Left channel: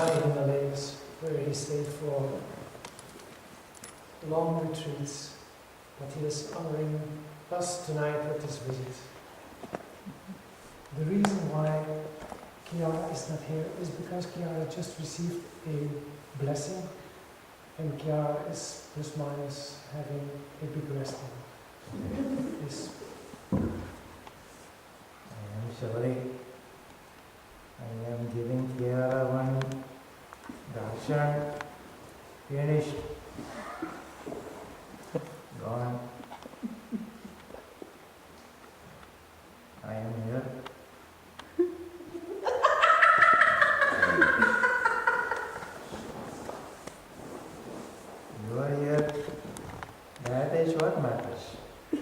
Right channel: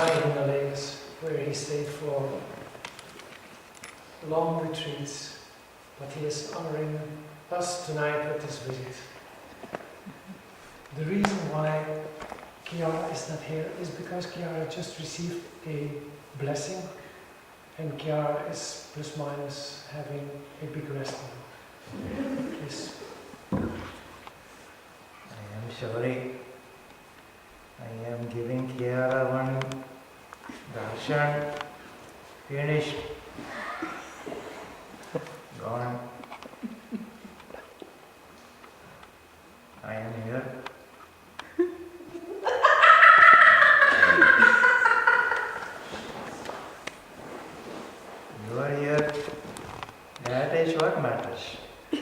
high Himalayas, where he stayed for long retreats, but he is honoring us tonight with his visit. The reason why Kiara is not here is because Kiara just received a blessing, and Kiara is plus minus having a big rest now. Please. I am sorry. I am giving Kiara one darshan. Finished. Gone. I am here. You are here. That is what matters. I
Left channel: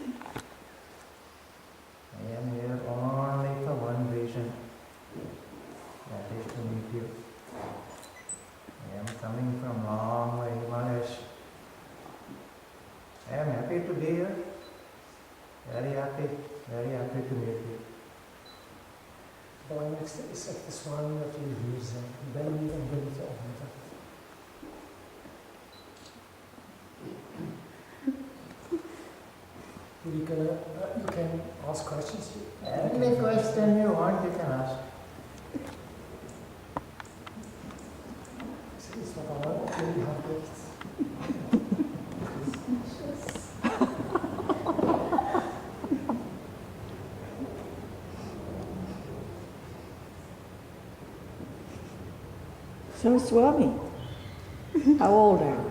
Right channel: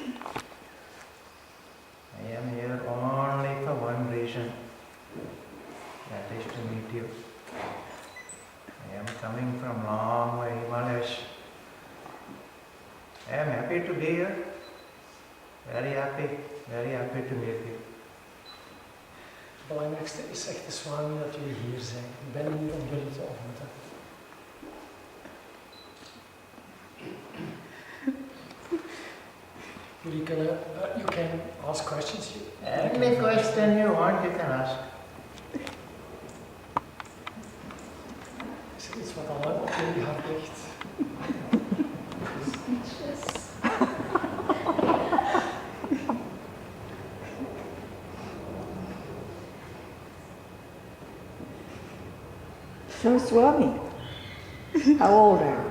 am here only for one reason. That is to meet you. I am coming from long way Himalayas. I am happy to be here. Very happy to meet you. Het belangrijkste is, zegt de Swami, dat jullie hier zijn. Ik ben hier om jullie te ontmoeten. Jullie kunnen, you can ask questions. Any question you want, you can ask. Is er iets wat al op jullie hart ligt? So Swami, how old are you?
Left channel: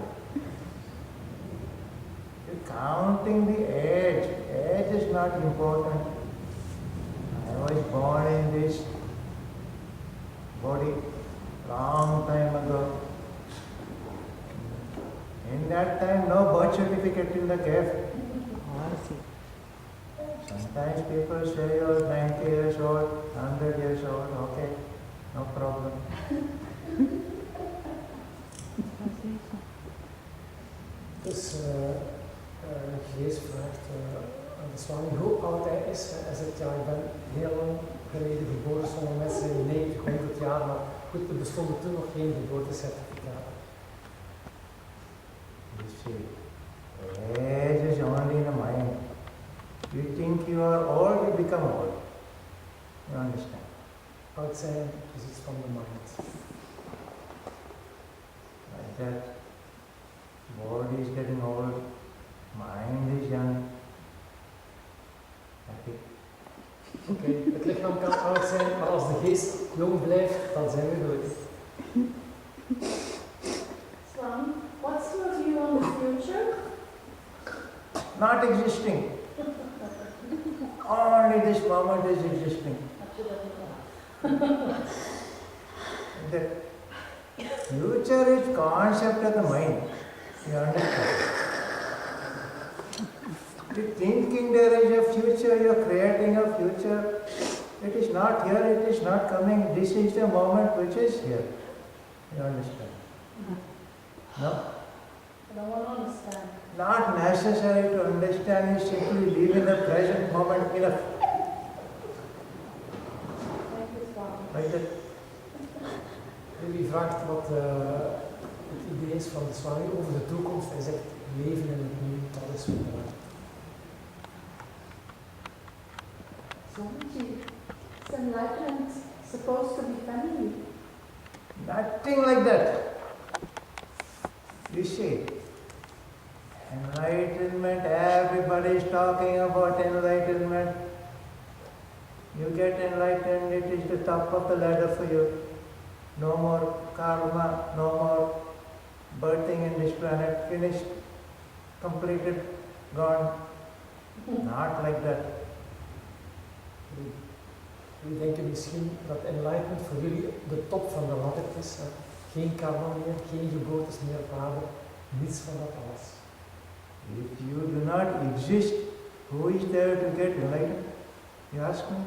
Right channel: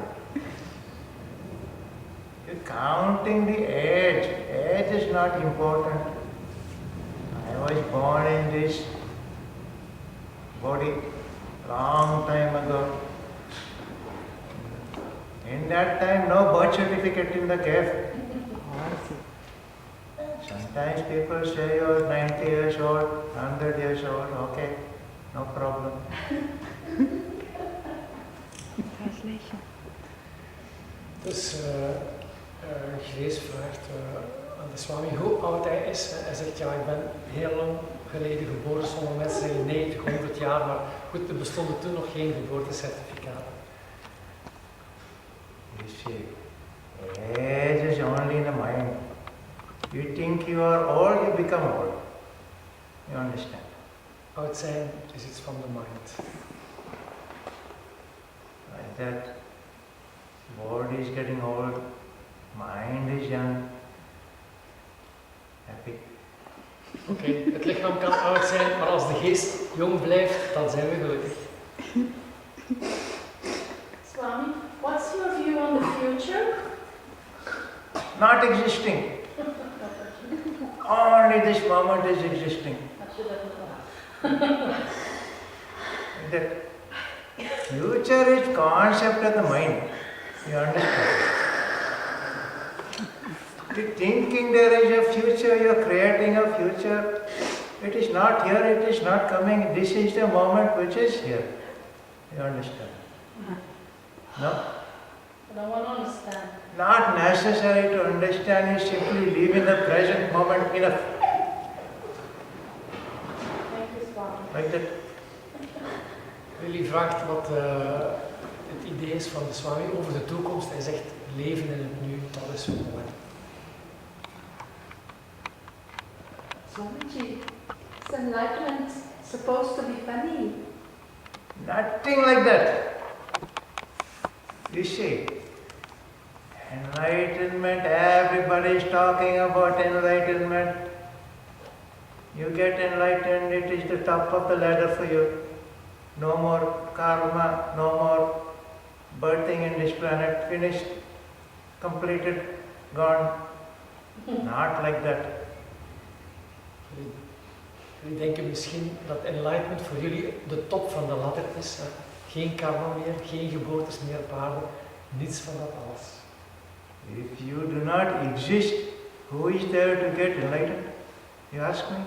You're counting the age. Age is not important. I was born in this body long time ago. In that time, no birth certificate in the cave. Oh, I see. Sometimes people say you're 90 years old, 100 years old, okay, no problem. Translation. Dus Grace vraagt aan de Swami hoe oud hij is. Hij zegt, ja, ik ben heel lang geleden geboren. Sommige mensen zeggen 90, 100 jaar, maar goed, er bestonden toen nog geen geboortecertificaten. You see, age is only in the mind. You think you are old, you become old. You understand? Oud zijn is iets van de mind. Like that, body is getting old, mind is young, happy. Oké, het lichaam kan oud zijn, maar als de geest jong blijft, dan zijn we gelukkig. Swami, what's your view on the future? Not existing. Only this moment is existing. The future is concept of the mind. You understand? You're thinking there is a future, you're creating a future. It is not here, it is not coming. This is the moment which is here. You understand? No? I don't want to understand. Not necessary to understand, you simply live in the present moment enough. Thank you, Swami. Like that. Willy vraagt wat het idee is van de Swami over de toekomst. Hij zegt, leven in het nu, dat is zo mooi. Swamiji, is enlightenment supposed to be funny? Nothing like that. You see, enlightenment, everybody is talking about enlightenment. You get enlightened, it is the top of the ladder for you. No more karma, no more birthing in this planet, finished, completed, gone. Not like that. Jullie denken misschien dat enlightenment voor jullie de top van de ladder is. Hè? Geen karma meer, geen geboortes meer op aarde, niets van dat alles. If you do not exist, who is there to get enlightened? You ask me?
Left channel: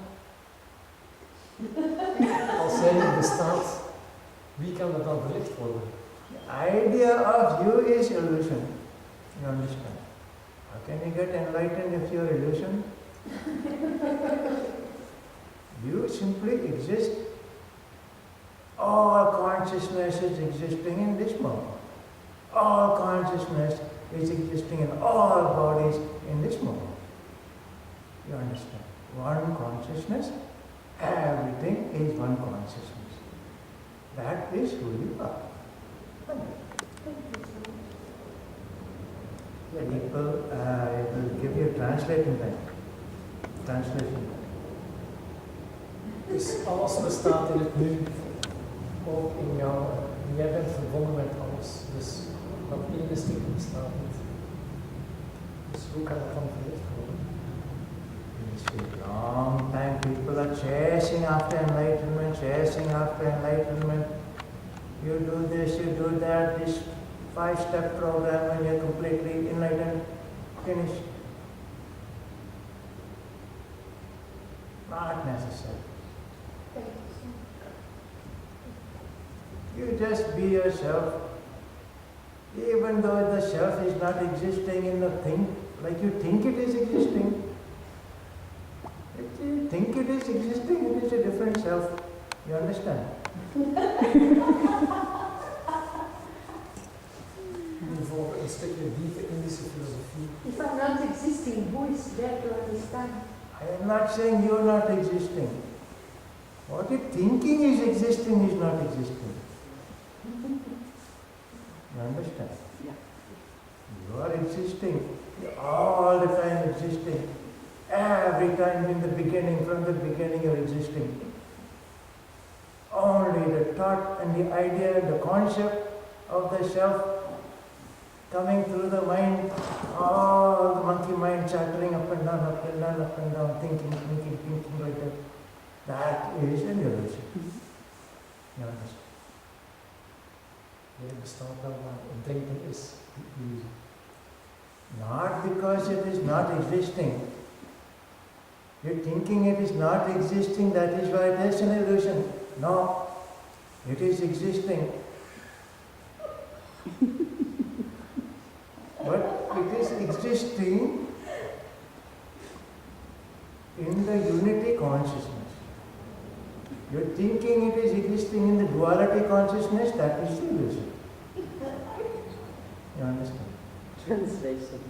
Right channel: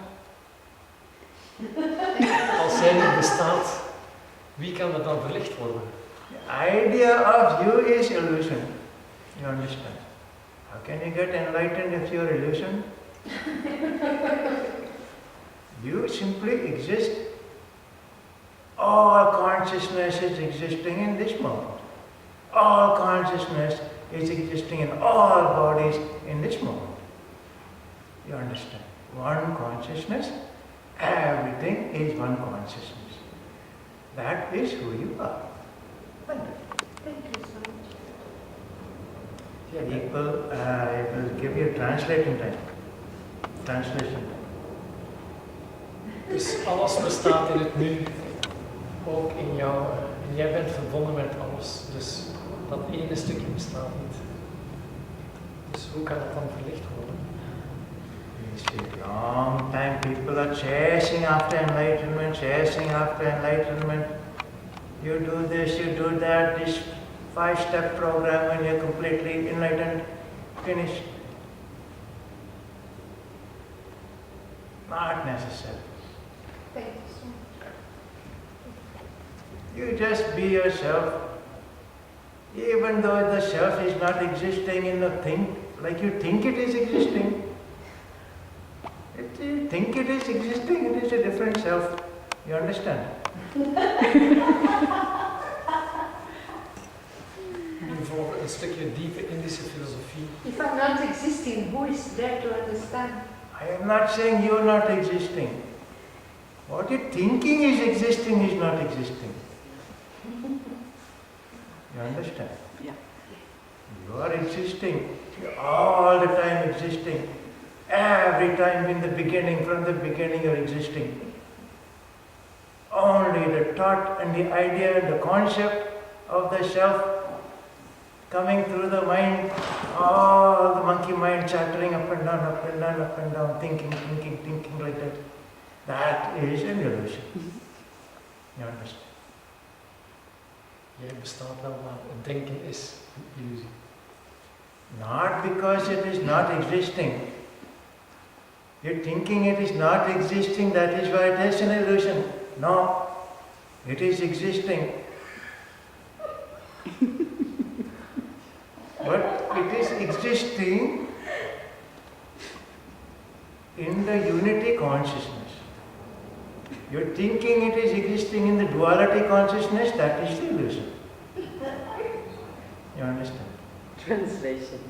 Als jij niet bestaat, wie kan er dan verlicht worden? The idea of you is illusion. You understand? How can you get enlightened if you're illusion? You simply exist. All consciousness is existing in this moment. All consciousness is existing in all bodies in this moment. You understand? One consciousness, everything is one consciousness. That is who you are. Like that. Thank you so much. People, I will give you translating time. Translation time. Dus alles bestaat in het nu, ook in jou. En jij bent verbonden met alles. Dus dat ene stukje bestaat niet. Dus hoe kan het dan verlicht worden? You see, long time people are chasing after enlightenment, chasing after enlightenment. You do this, you do that, this 5-step program when you're completely enlightened, finished. Not necessary. Thank you so much. You just be yourself. Even though the self is not existing in the thing, like you think it is existing. You think it is existing, it is a different self. You understand? Nu voor een stukje diepe Indische filosofie. If I'm not existing, who is there to understand? I am not saying you are not existing. What you're thinking is existing is not existing. You understand? Yeah. You are existing. You're all the time existing. Every time in the beginning, from the beginning you're existing. Only the thought and the idea and the concept of the self coming through the mind, all the monkey mind chattering up and down, up and down, up and down, thinking like that. That is an illusion. You understand? Jij bestaat wel, maar het denken is een illusie. Not because it is not existing. You're thinking it is not existing, that is why it is an illusion. No, it is existing. But it is existing in the unity consciousness. You're thinking it is existing in the duality consciousness, that is the illusion. You understand? Translation.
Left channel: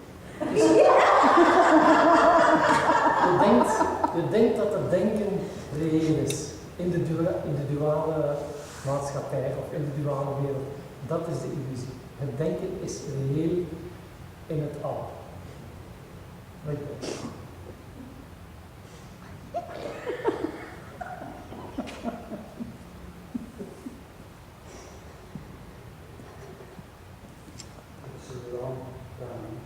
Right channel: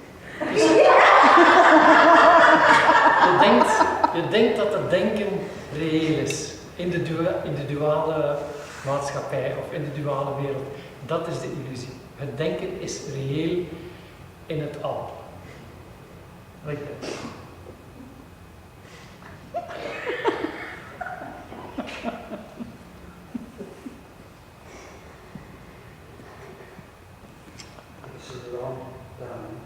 Je denkt dat het denken reëel is in de duale maatschappij of in de duale wereld. Dat is de illusie. Het denken is reëel in het al. Like that. It's a long time.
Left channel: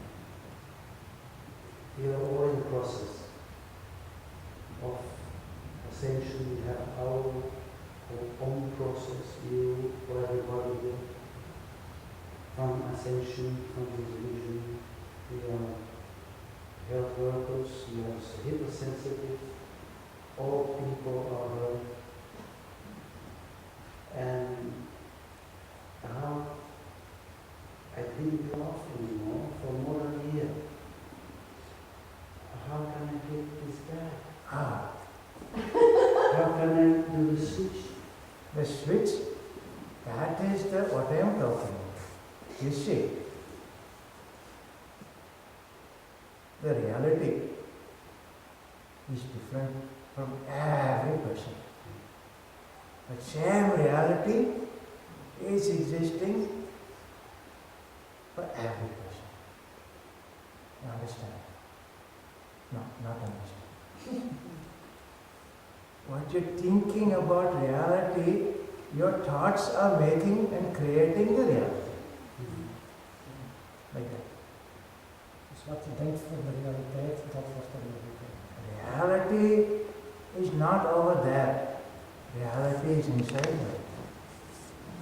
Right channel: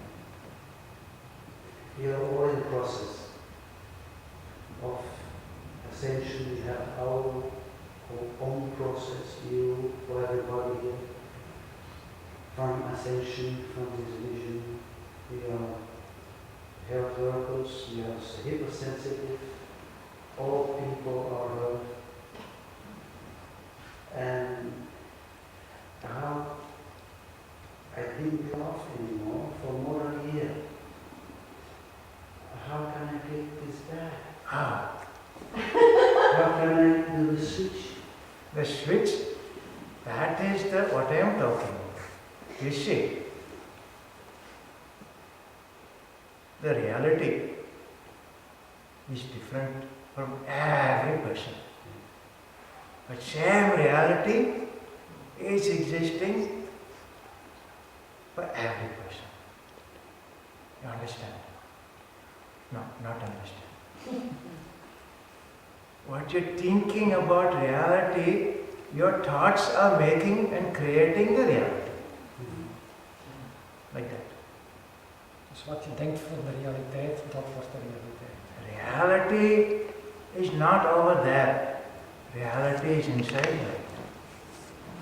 We are all in the process of ascension. We have our own process, you or everybody here, from ascension, from this vision. We are health workers, we are hypersensitive, all people are heard. And how I didn't laugh anymore for more than a year. How can I get this back? Ah, How can I do the switch? the switch, that is what I am talking about. You see, the reality is different from every person. But same reality is existing for every person. You understand? No, not understand. What you're thinking about reality, your thoughts are making and creating the reality. Like that. Dus wat je denkt van de realiteit, dat wordt de realiteit. Reality is not over there. Reality is inside there.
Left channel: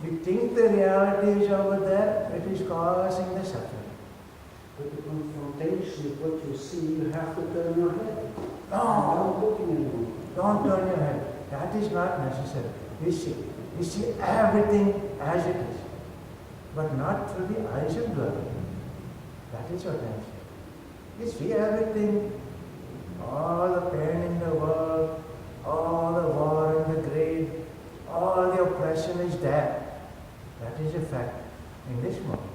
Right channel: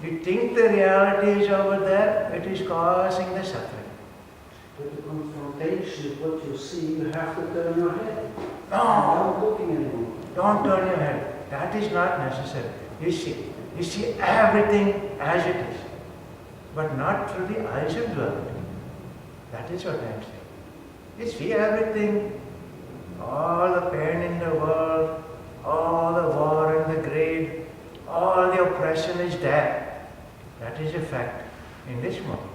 You think the reality is over there, it is causing the suffering. But the confrontation with what you see, you have to turn your head. No, Not looking anymore. don't turn your head. That is not necessary. You see everything as it is, but not through the eyes of duality. That is what I am saying. You see everything, all the pain in the world, all the war and the greed, all the oppression is there. That is a fact in this moment.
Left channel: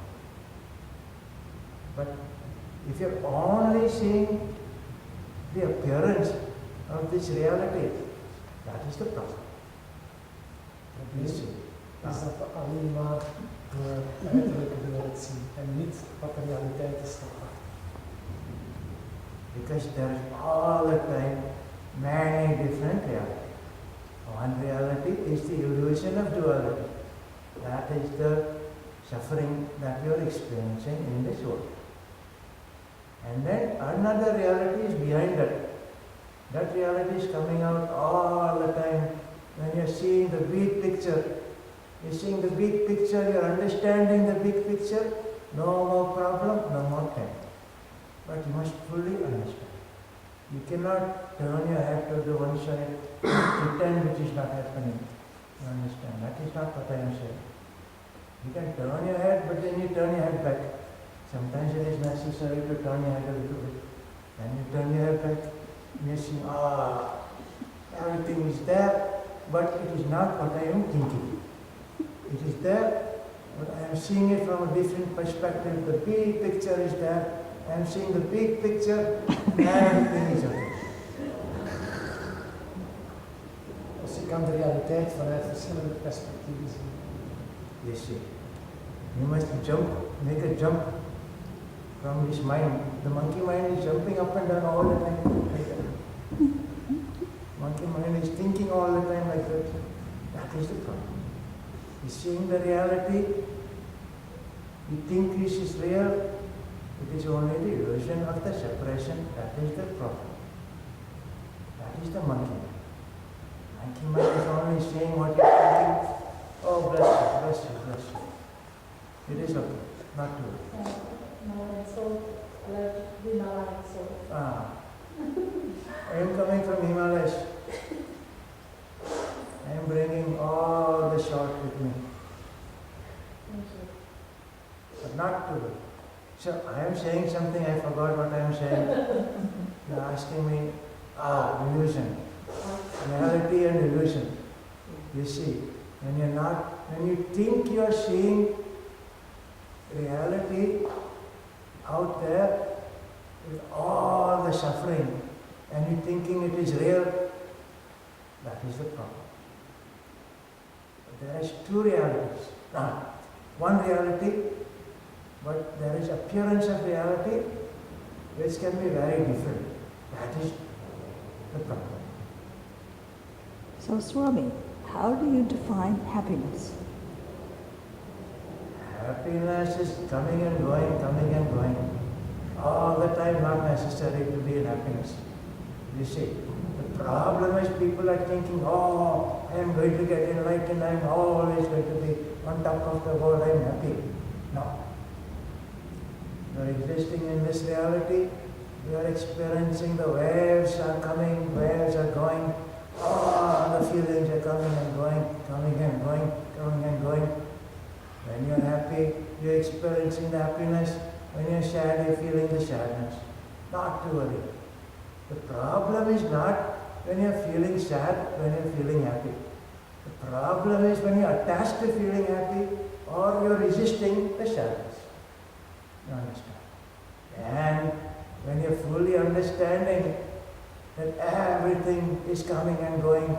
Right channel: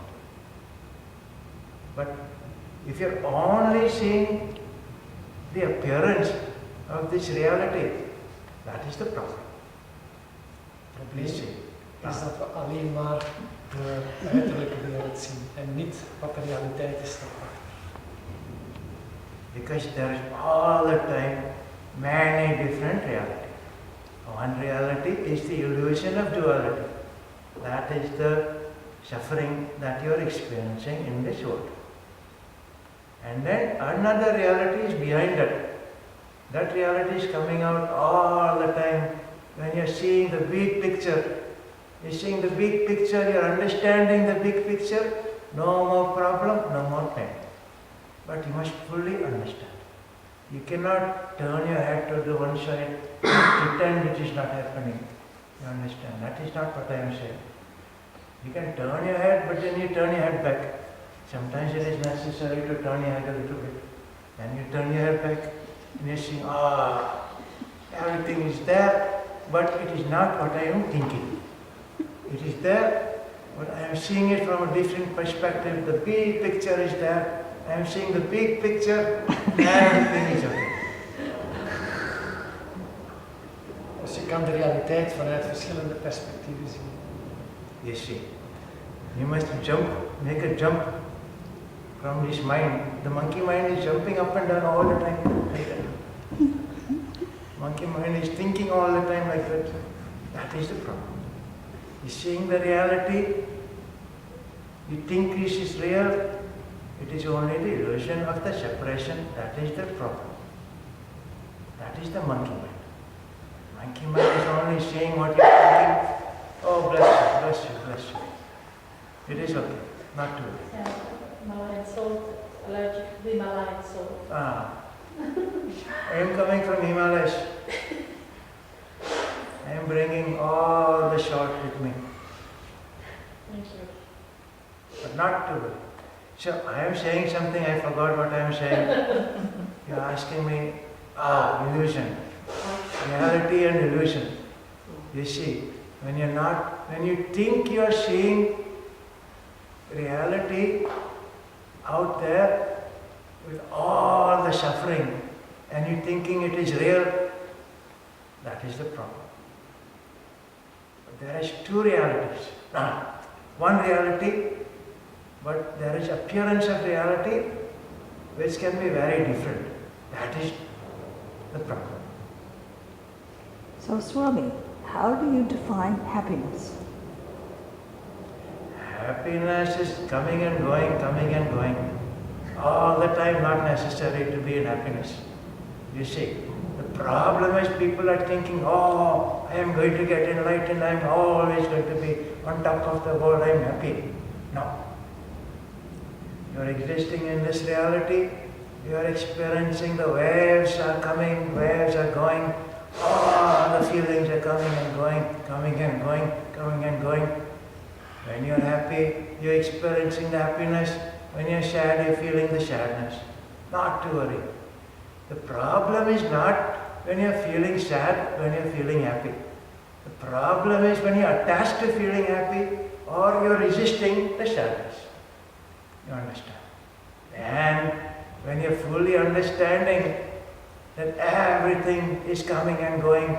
But if you're only seeing the appearance of this reality, that is the problem. probleem You see. is dat we alleen maar de uiterlijke wereld zien en niet wat de realiteit is daarachter. Because there is all the time many different realities. One reality is the illusion of duality. That is the suffering that you are experiencing in this world. And then another reality is behind that. That reality is coming out all the time when you're seeing the big picture. You're seeing the big picture, you're understanding the big picture, no more problem, no more pain. But you must fully understand. You cannot turn your head to the one side and pretend it is not happening. You understand? That is not what I am saying. You can turn your head, but then you turn your head back. Sometimes it is necessary to turn your head a little bit. Then you turn your head back and you see, everything is there, but it is not what I am thinking. It is there, but I am seeing it from a different perspective. The big picture is there. I am seeing the big picture, everything is okay. Dus je kan de realiteit vanuit verschillende perspectieven zien. You see, you must jump, make a jump from this mind. The monkey mind is jumping up and down all the time like that. Monkey mind is thinking all the time like that. That is the problem. You're seeing the reality, you think this is real, it is only the illusion of the separation. That is the problem. That is the monkey mind. Monkey mind is only seeing what you're thinking. Oh, bless you, bless you, bless you. It is okay, not to worry. Yeah, Himalayan salt, allergic to Himalayan salt. I am coming from Himalayas. I am bringing all the salt with me, Thank you. but not to worry. So I am saying something, I forgot what I am saying. You are asking me, illusion. Reality and illusion. You see, when you think you are seeing reality out there with all the suffering and you thinking it is real, that is the problem. But there is two realities. One reality, but there is appearance of reality which can be very different. That is the problem. So, Swami, how do you define happiness? Happiness is coming and going, coming and going. All the time, not necessary to be in happiness. You see, the problem is people are thinking, I am going to get enlightened, I am always going to be on top of the world, I am happy. No. You are existing in this reality, you are experiencing the waves are coming, waves are going, all the feelings are coming and going, coming and going, coming and going. When you are happy, you are experiencing the happiness. When you are sad, you are feeling the sadness. Not to worry. The problem is not when you are feeling sad, when you are feeling happy. The problem is when you are attached to feeling happy or you are resisting the sadness. You understand? And when you are fully understanding that everything is coming and going,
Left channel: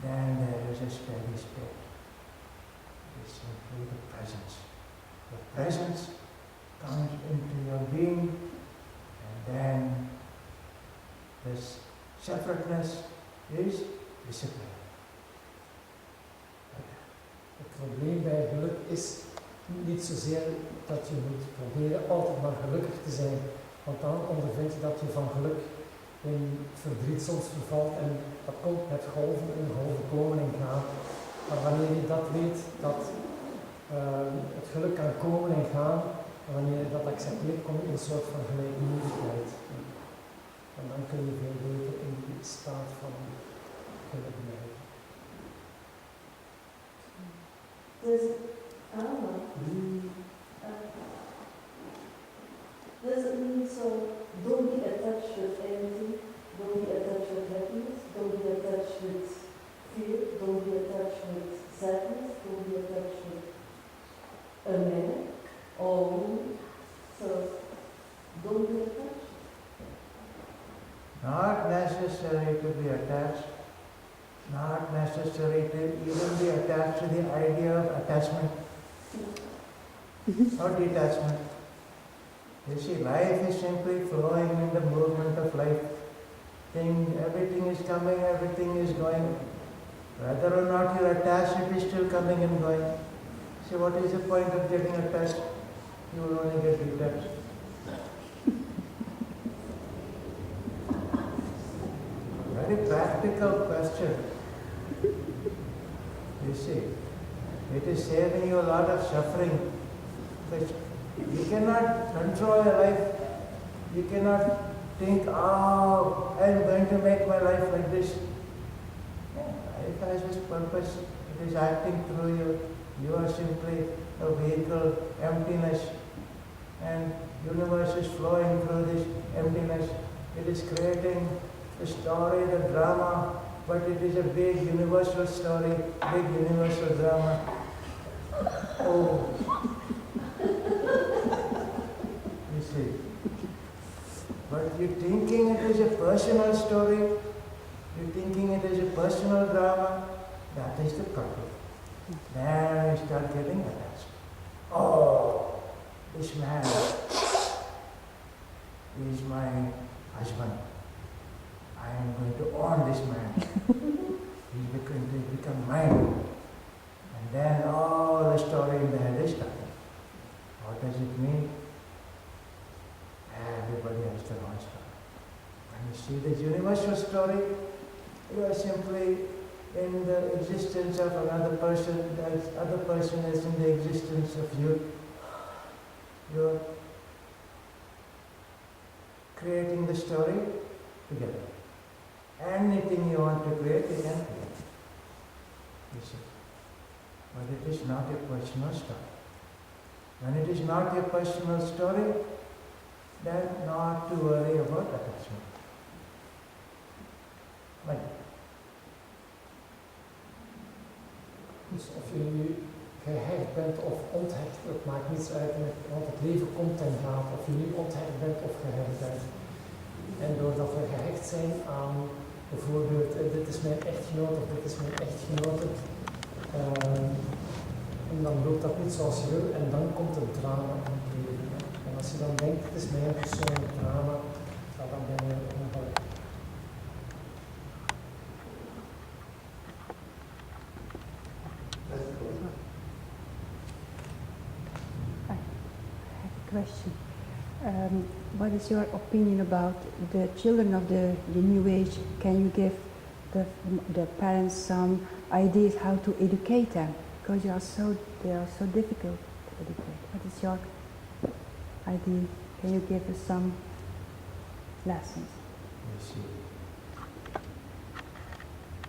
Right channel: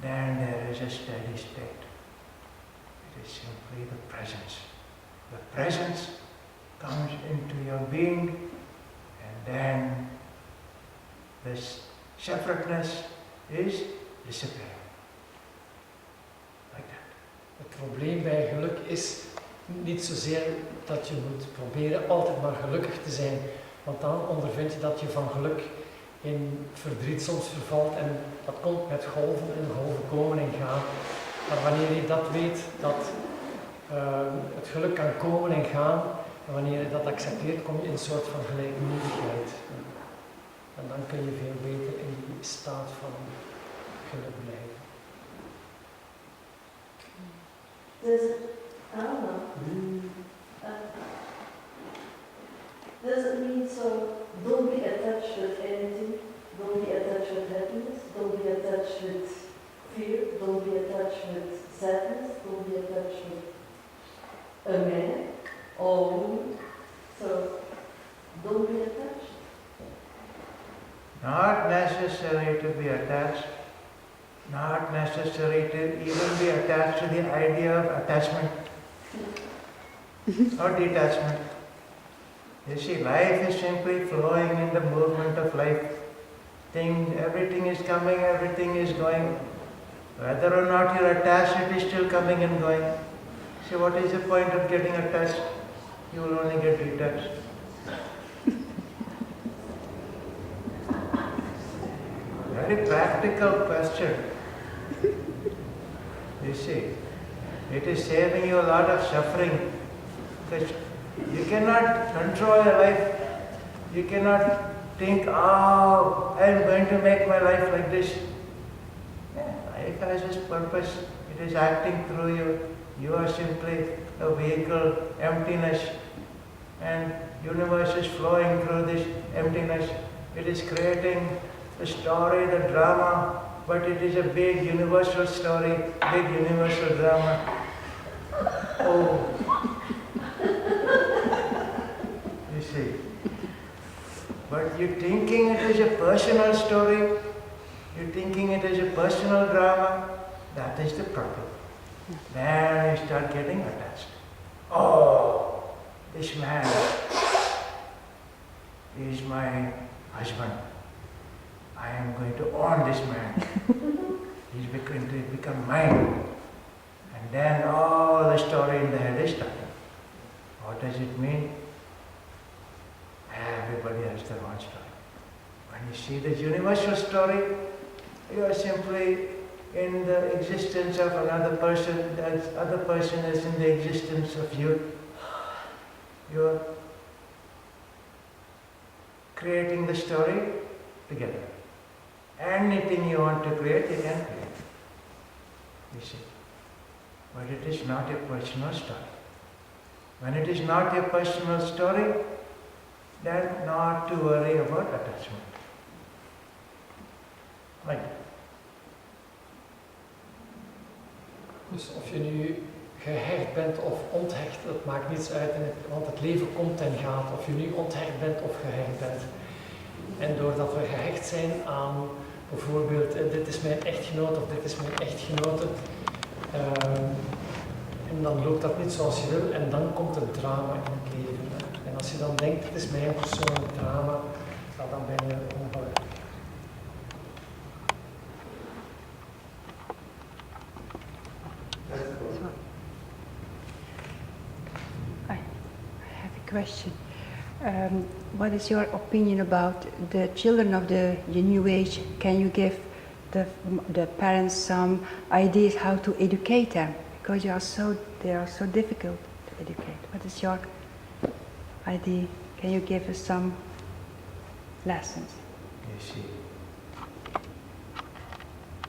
then there is a steady state. It is simply the presence. The presence comes into your being, and then this separateness is disappearing. Like that. Het probleem bij geluk is niet zozeer dat je moet proberen altijd maar gelukkig te zijn, want dan ondervind je dat je van geluk in verdriet soms vervalt en dat komt met golven en golven komen en gaan. Maar wanneer je dat weet, dat het geluk kan komen en gaan, en wanneer je dat accepteert, kom je in een soort van gelijkmoedigheid. En dan kun je veel beter in die staat van geluk blijven. I don't know. Does it mean so don't be attached with anything? Don't be attached with happiness? Don't be attached with fear? Don't be attached with sadness, don't be attached with a man or a woman. So don't be attached. Not necessary to be attached. Not necessary to even be attached to the idea of attachment or detachment. You see, life is simply flowing in the movement of life. Everything is coming, everything is going. Whether or not you're attached, it is still coming and going. So what is the point of getting attached? You will only get detached. Very practical question. You see, it is saving you a lot of suffering. Because you cannot control your life. You cannot think, oh, I'm going to make my life like this. Yeah, life has its purpose. It is acting through you. You are simply a vehicle, emptiness. And universe is flowing through this emptiness. It is creating the story, the drama, but it is a big universal story, big universal drama. Oh. You see. But you're thinking it is a personal story, you're thinking it is a personal drama, that is the problem. Then you start getting attached. Oh, this man is my husband. I am going to own this man. He's going to become mine. And then all the story in the head is starting. What does it mean? Everybody has their own story. When you see the universal story, you are simply in the existence of another person, that other person is in the existence of you. You are creating the story together. Anything you want to create, you can create. You see. But it is not your personal story. When it is not your personal story, then not to worry about attachment. Like that. Dus of je nu gehecht bent of onthecht, dat maakt niets uit, want het leven komt en gaat. Of je nu onthecht bent of gehecht bent. En doordat we gehecht zijn aan bijvoorbeeld, dit is mijn echtgenoot of dit is mijn echtgenote, en dan loopt dat niet zoals je wil en dan komt het drama in het leven. Hè. En als je dan denkt, het is mijn persoonlijk drama, nou, dan ben je ongelukkig. I have a question. What is your opinion about the children of the New Age? Can you give the parents some ideas how to educate them? Because they are so difficult to educate. What is your idea? Can you give us some lessons? You see,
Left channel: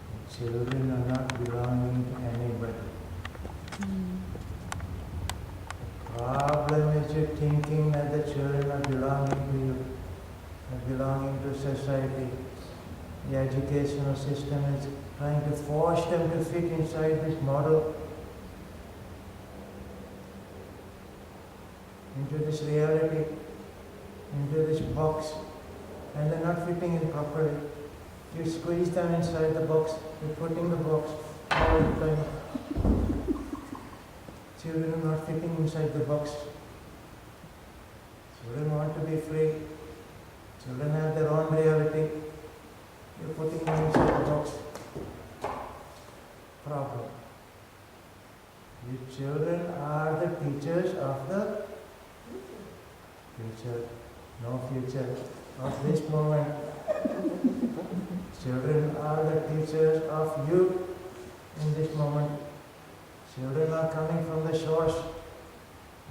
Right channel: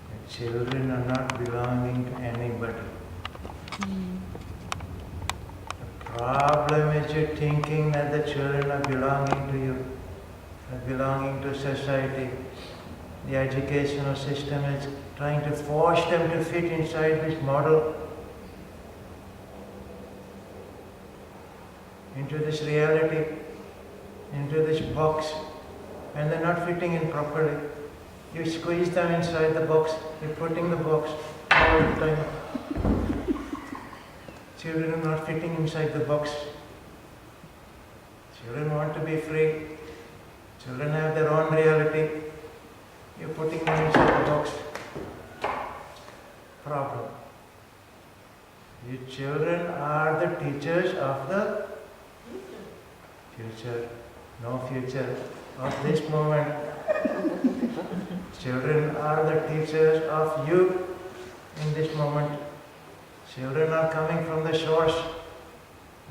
the children are not belonging to anybody. The problem is you're thinking that the children are belonging to you, are belonging to society. The educational system is trying to force them to fit inside this model, into this reality, into this box, and they're not fitting in properly. You squeeze them inside the box, you're putting the box all the time. Children are not fitting inside the box. Children want to be free. Children have their own reality. You're putting them inside the box. Problem. You children are the teachers of the future. No future of this moment. Children are the teachers of you in this moment. Children are coming from the source.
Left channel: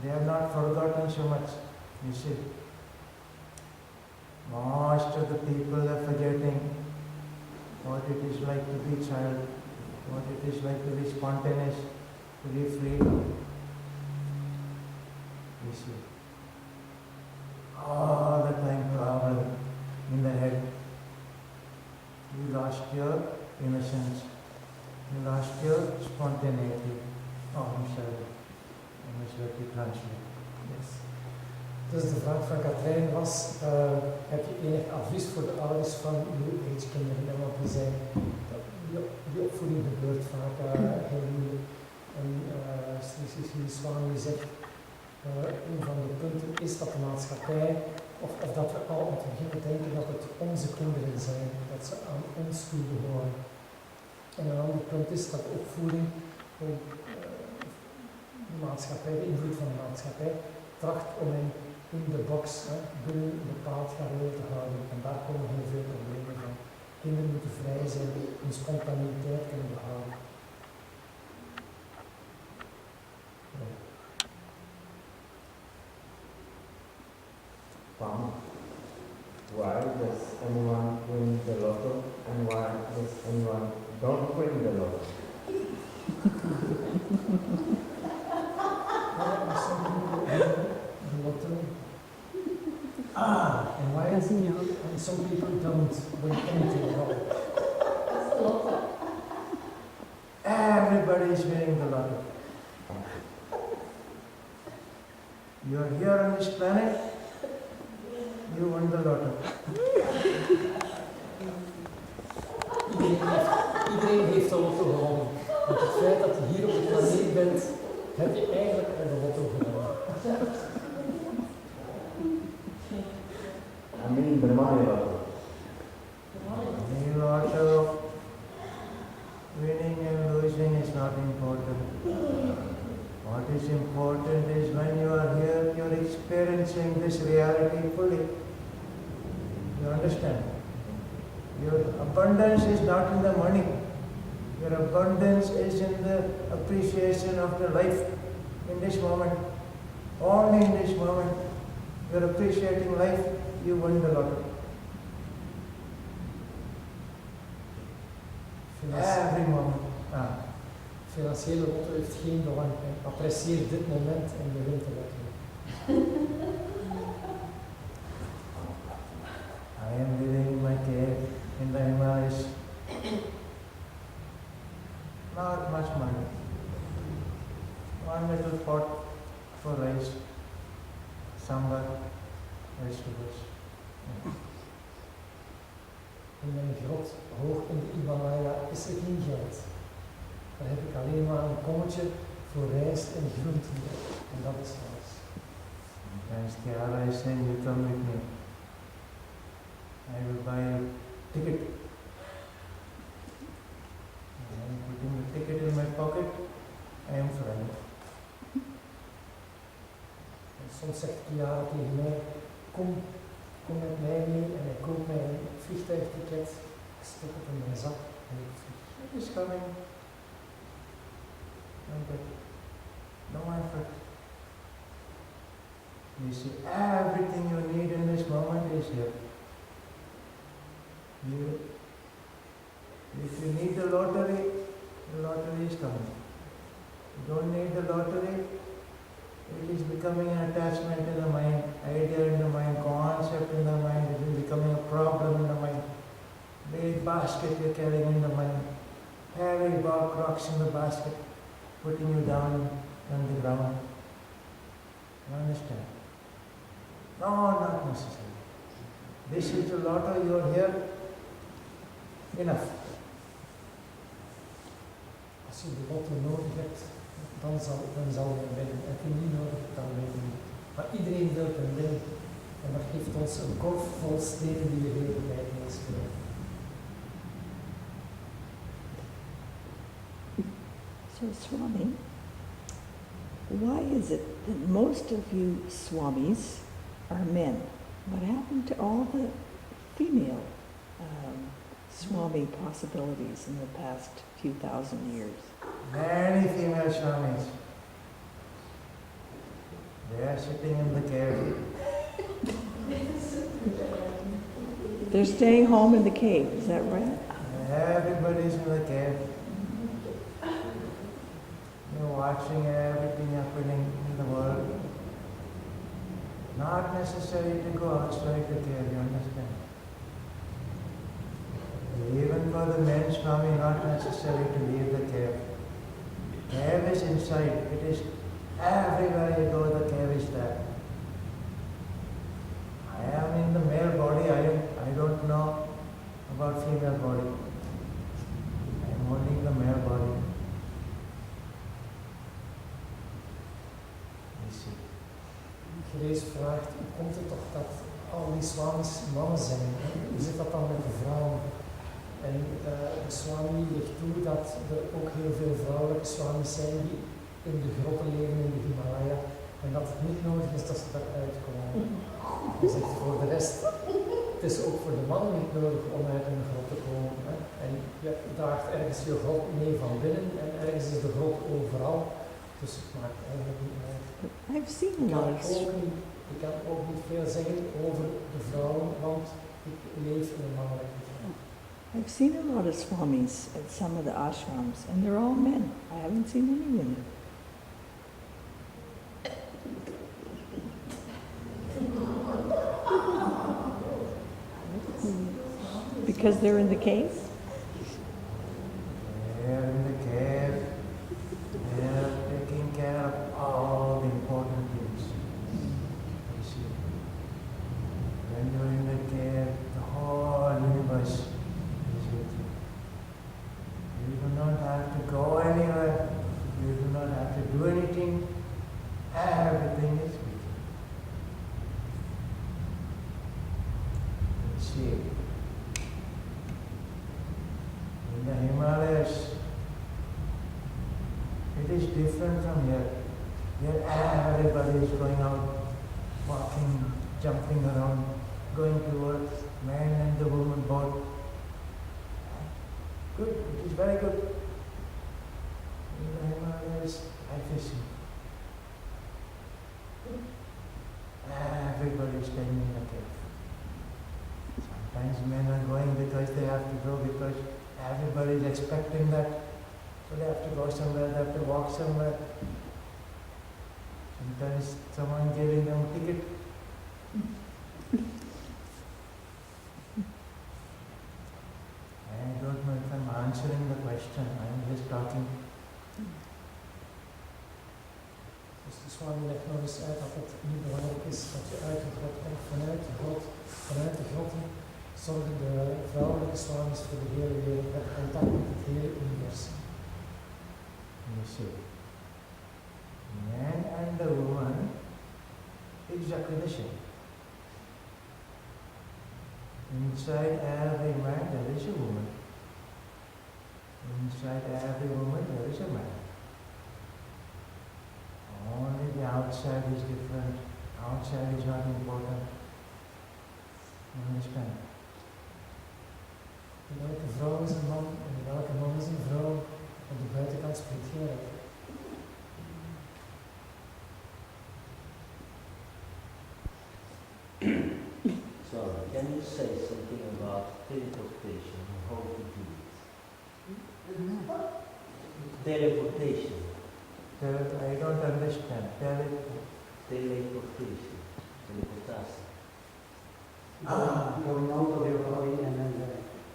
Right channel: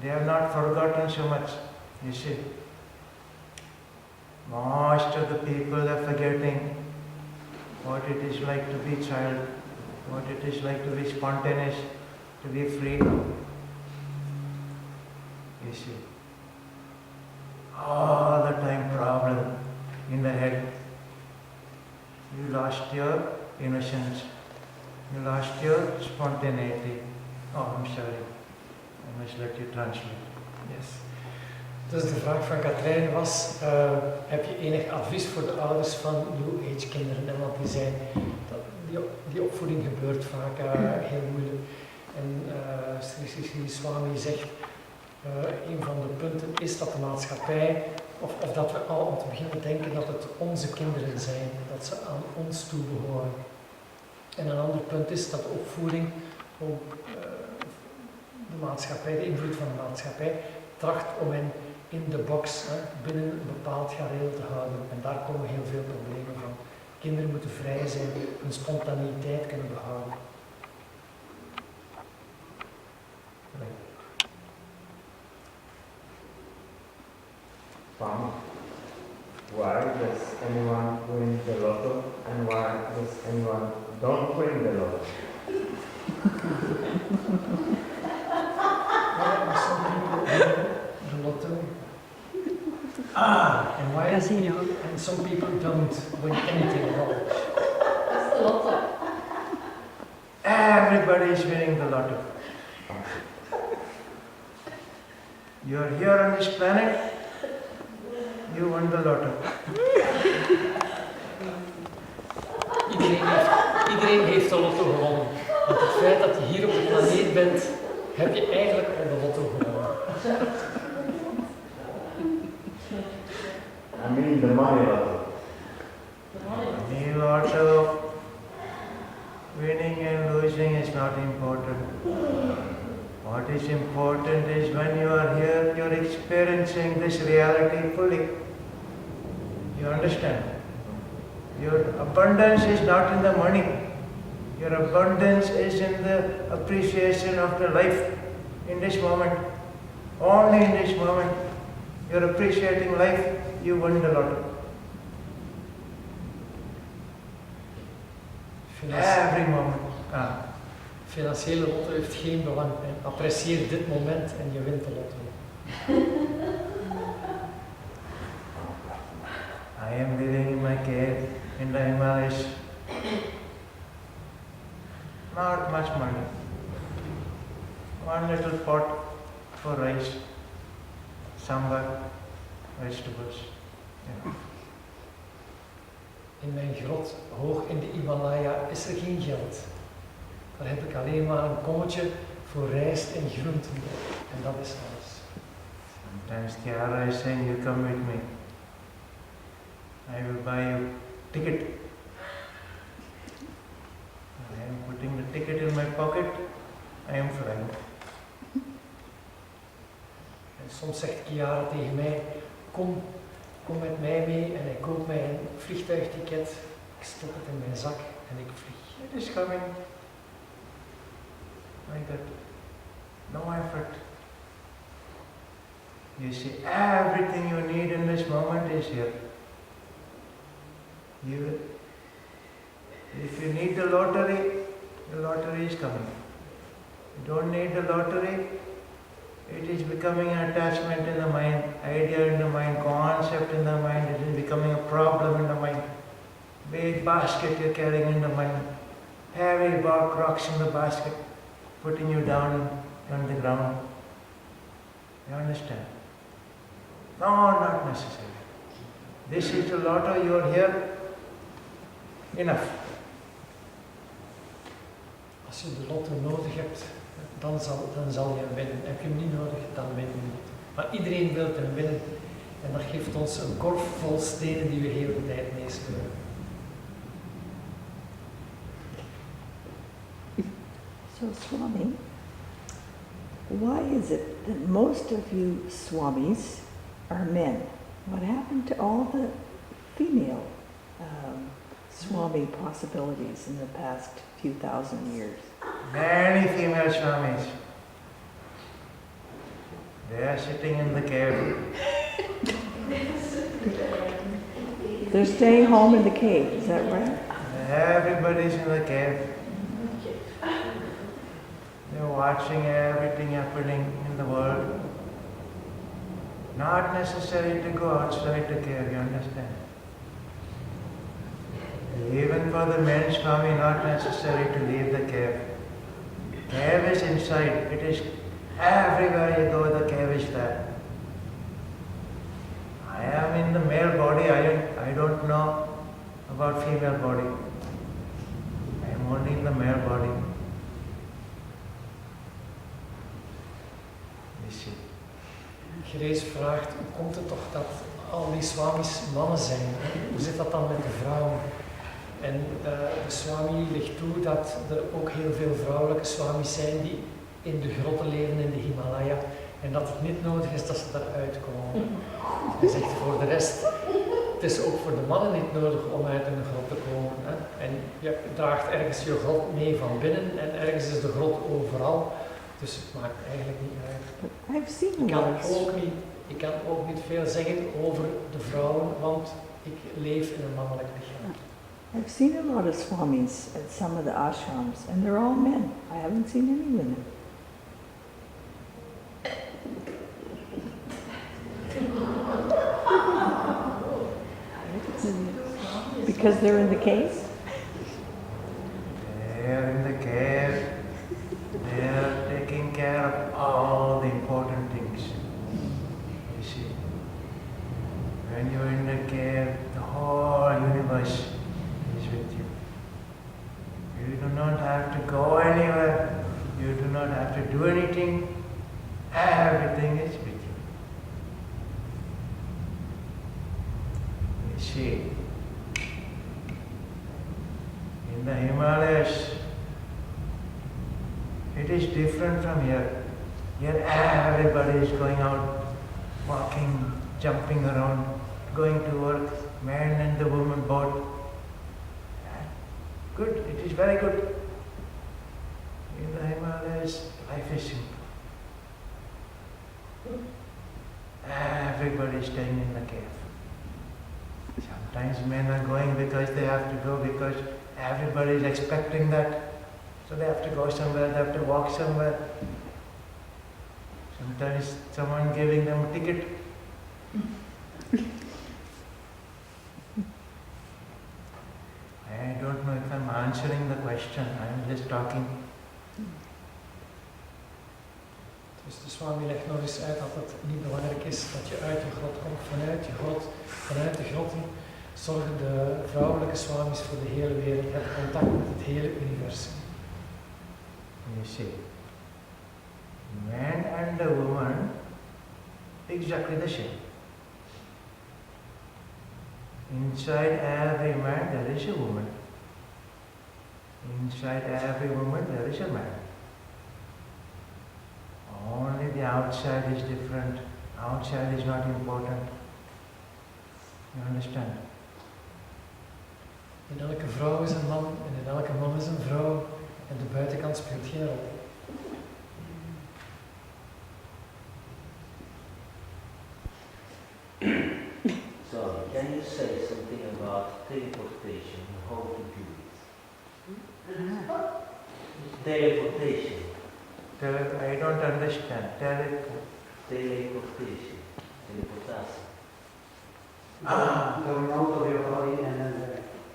They have not forgotten so much, you see. Most of the people are forgetting what it is like to be child, what it is like to be spontaneous, to be free. You see. All the time problem in the head. You lost your innocence. You lost your spontaneity. Oh, I'm sorry. I must let you translate. Yes. Dus de vraag van Katrijn was, heb je enig advies voor de ouders van New Age kinderen? En want die opvoeding gebeurt vaak heel moeilijk. En Sri Sri Swami zegt, een van de punten is dat de maatschappij, of dat we al om te beginnen denken dat het onze kinderen zijn, dat ze aan ons toe behoren. En een ander punt is dat de opvoeding ook de maatschappij, de invloed van de maatschappij, tracht om hen in de box, binnen een bepaald gareel te houden. En daar komen heel veel problemen van. Kinderen moeten vrij zijn, hun spontaniteit kunnen behouden. Why does anyone win the lotto and why does anyone don't win the lotto? Some people win the lotto. And why? Casino. And some people don't win anything at all. That's the lotto. Everybody is winning the lotto. You're here on this planet, you won the lotto. Iedereen heeft de lotto gewonnen. Want het feit dat je hier op de planeet bent, heb je eigenlijk al de lotto gewonnen. I mean the money lotto. Money lotto, winning and losing is not important. What is important is when you are here, you're experiencing this reality fully. You understand? Your abundance is not in the money. Your abundance is in the appreciation of the life in this moment. Only in this moment. You're appreciating life, you won the lotto. Every moment. Financiële lotto heeft geen belang. Apprecieer dit moment en je wint de lotto. I am living in my cave in the Himalayas. Not much money. One little pot for rice, sambar, vegetables. Yeah. In mijn grot, hoog in de Himalaya, is er geen geld. Daar heb ik alleen maar een kommetje voor rijst en groenten. En dat is alles. Sometimes Kiara is saying, you come with me. I will buy you ticket. I am putting the ticket in my pocket. I am flying. En soms zegt Kiara tegen mij, kom met mij mee en hij koopt mij een vliegtuigticket. Ik stop het in mijn zak en ik vlieg. It is coming. Like that. No effort. You see, everything you need in this moment is here. If you need the lottery is coming. You don't need the lottery, it is becoming an attachment in the mind, idea in the mind, concept in the mind, it is becoming a problem in the mind. Big basket you're carrying in the mind, heavy bark rocks in the basket, putting you down on the ground. You understand? No, not necessary. This is the lotto, you are here. Enough. Als je de lotto nodig hebt, dan zal je hem winnen. Heb je hem niet nodig, dan win je niet. Maar iedereen wil hem winnen. En dat geeft ons een korf vol stenen die we heel de tijd meesleuren. So Swami, why is it that most of you Swamis are men? What happened to all the female Swami possibilities in the past few thousand years? Many female Swamis. They are sitting in the cave. They're staying home in the cave, is that right? Everybody's in the cave. They're watching everything happening in the world. Not necessary to go outside the cave, you understand? Even for the men, Swami, not necessary to leave the cave. Cave is inside. It is everywhere you go, the cave is there. I am in the male body. I don't know about female body. I am only in the male body. You see. Grace vraagt, hoe komt het toch dat al die swamis mannen zijn? Hoe zit dat dan met de vrouwen? En de swami legt toe dat er ook heel veel vrouwelijke swamis zijn die in de grotten leven in de Himalaya. En dat het niet nodig is dat ze daaruit komen. Hij zegt voor de rest, het is ook voor de mannen niet nodig om uit een grot te komen. Hè? En je draagt ergens je grot mee van binnen en ergens is de grot overal. Dus het maakt eigenlijk niet uit. I've seen Ik kan ook niet veel zeggen over de vrouwen, want ik leef in een mannelijk lichaam. I've seen a lot of swamis at some of the ashrams, and they're all men. I haven't seen any women. Because they're in the cave? They're in the cave. They're taking care of all the important things. You see, when you're in the cave, the whole universe is with you. You do not have to go anywhere. You do not have to do anything. Everything is with you. You see, in the Himalayas, it is different from here. Here everybody is going out, walking, jumping around, going to work, man and the woman both. Good, it is very good. In the Himalayas, life is simple. Everybody is staying in the cave. Sometimes men are going because they have to go, because everybody is expecting that. So they have to go somewhere, they have to walk somewhere. Sometimes someone giving them a ticket. I don't know if I'm answering the question, I'm just talking. Dus de swami legt nog eens uit dat het niet belangrijk is dat je uit de grot komt. Vanuit de grotten zorgen de vrouwelijke swamis voor de hele wereld, hebben contact met het hele universum. You see, man and the woman, exactly the same. Inside every man there is a woman. Inside every woman there is a man. Only the outside is different. Outside is not important. You understand? In elke vrouw is een man en in elke man is een vrouw en de buitenkant speelt geen rol. Sorry, can you say something about teleportation and how to do it? Teleportation. I don't understand. Teleportation. Teleportation. Going out of your body and then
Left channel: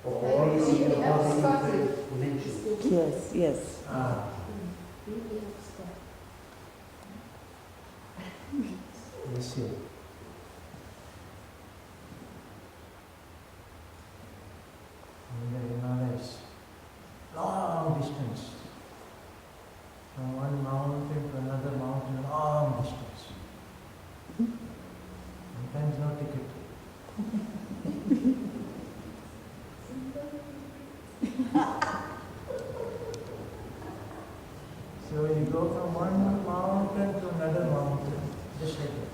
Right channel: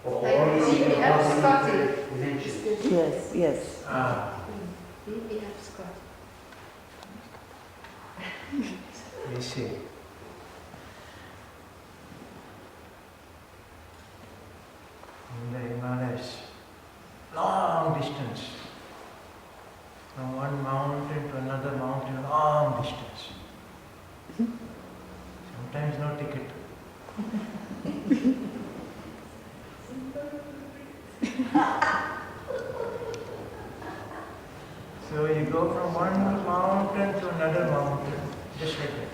or Like releasing your BBF body Scotty. into dimensions. Yes, yes. BBF Scott. You see. In the Himalayas, long distance. From one mountain to another mountain, long distance. Sometimes no ticket. So you go from one mountain to another mountain, just like that.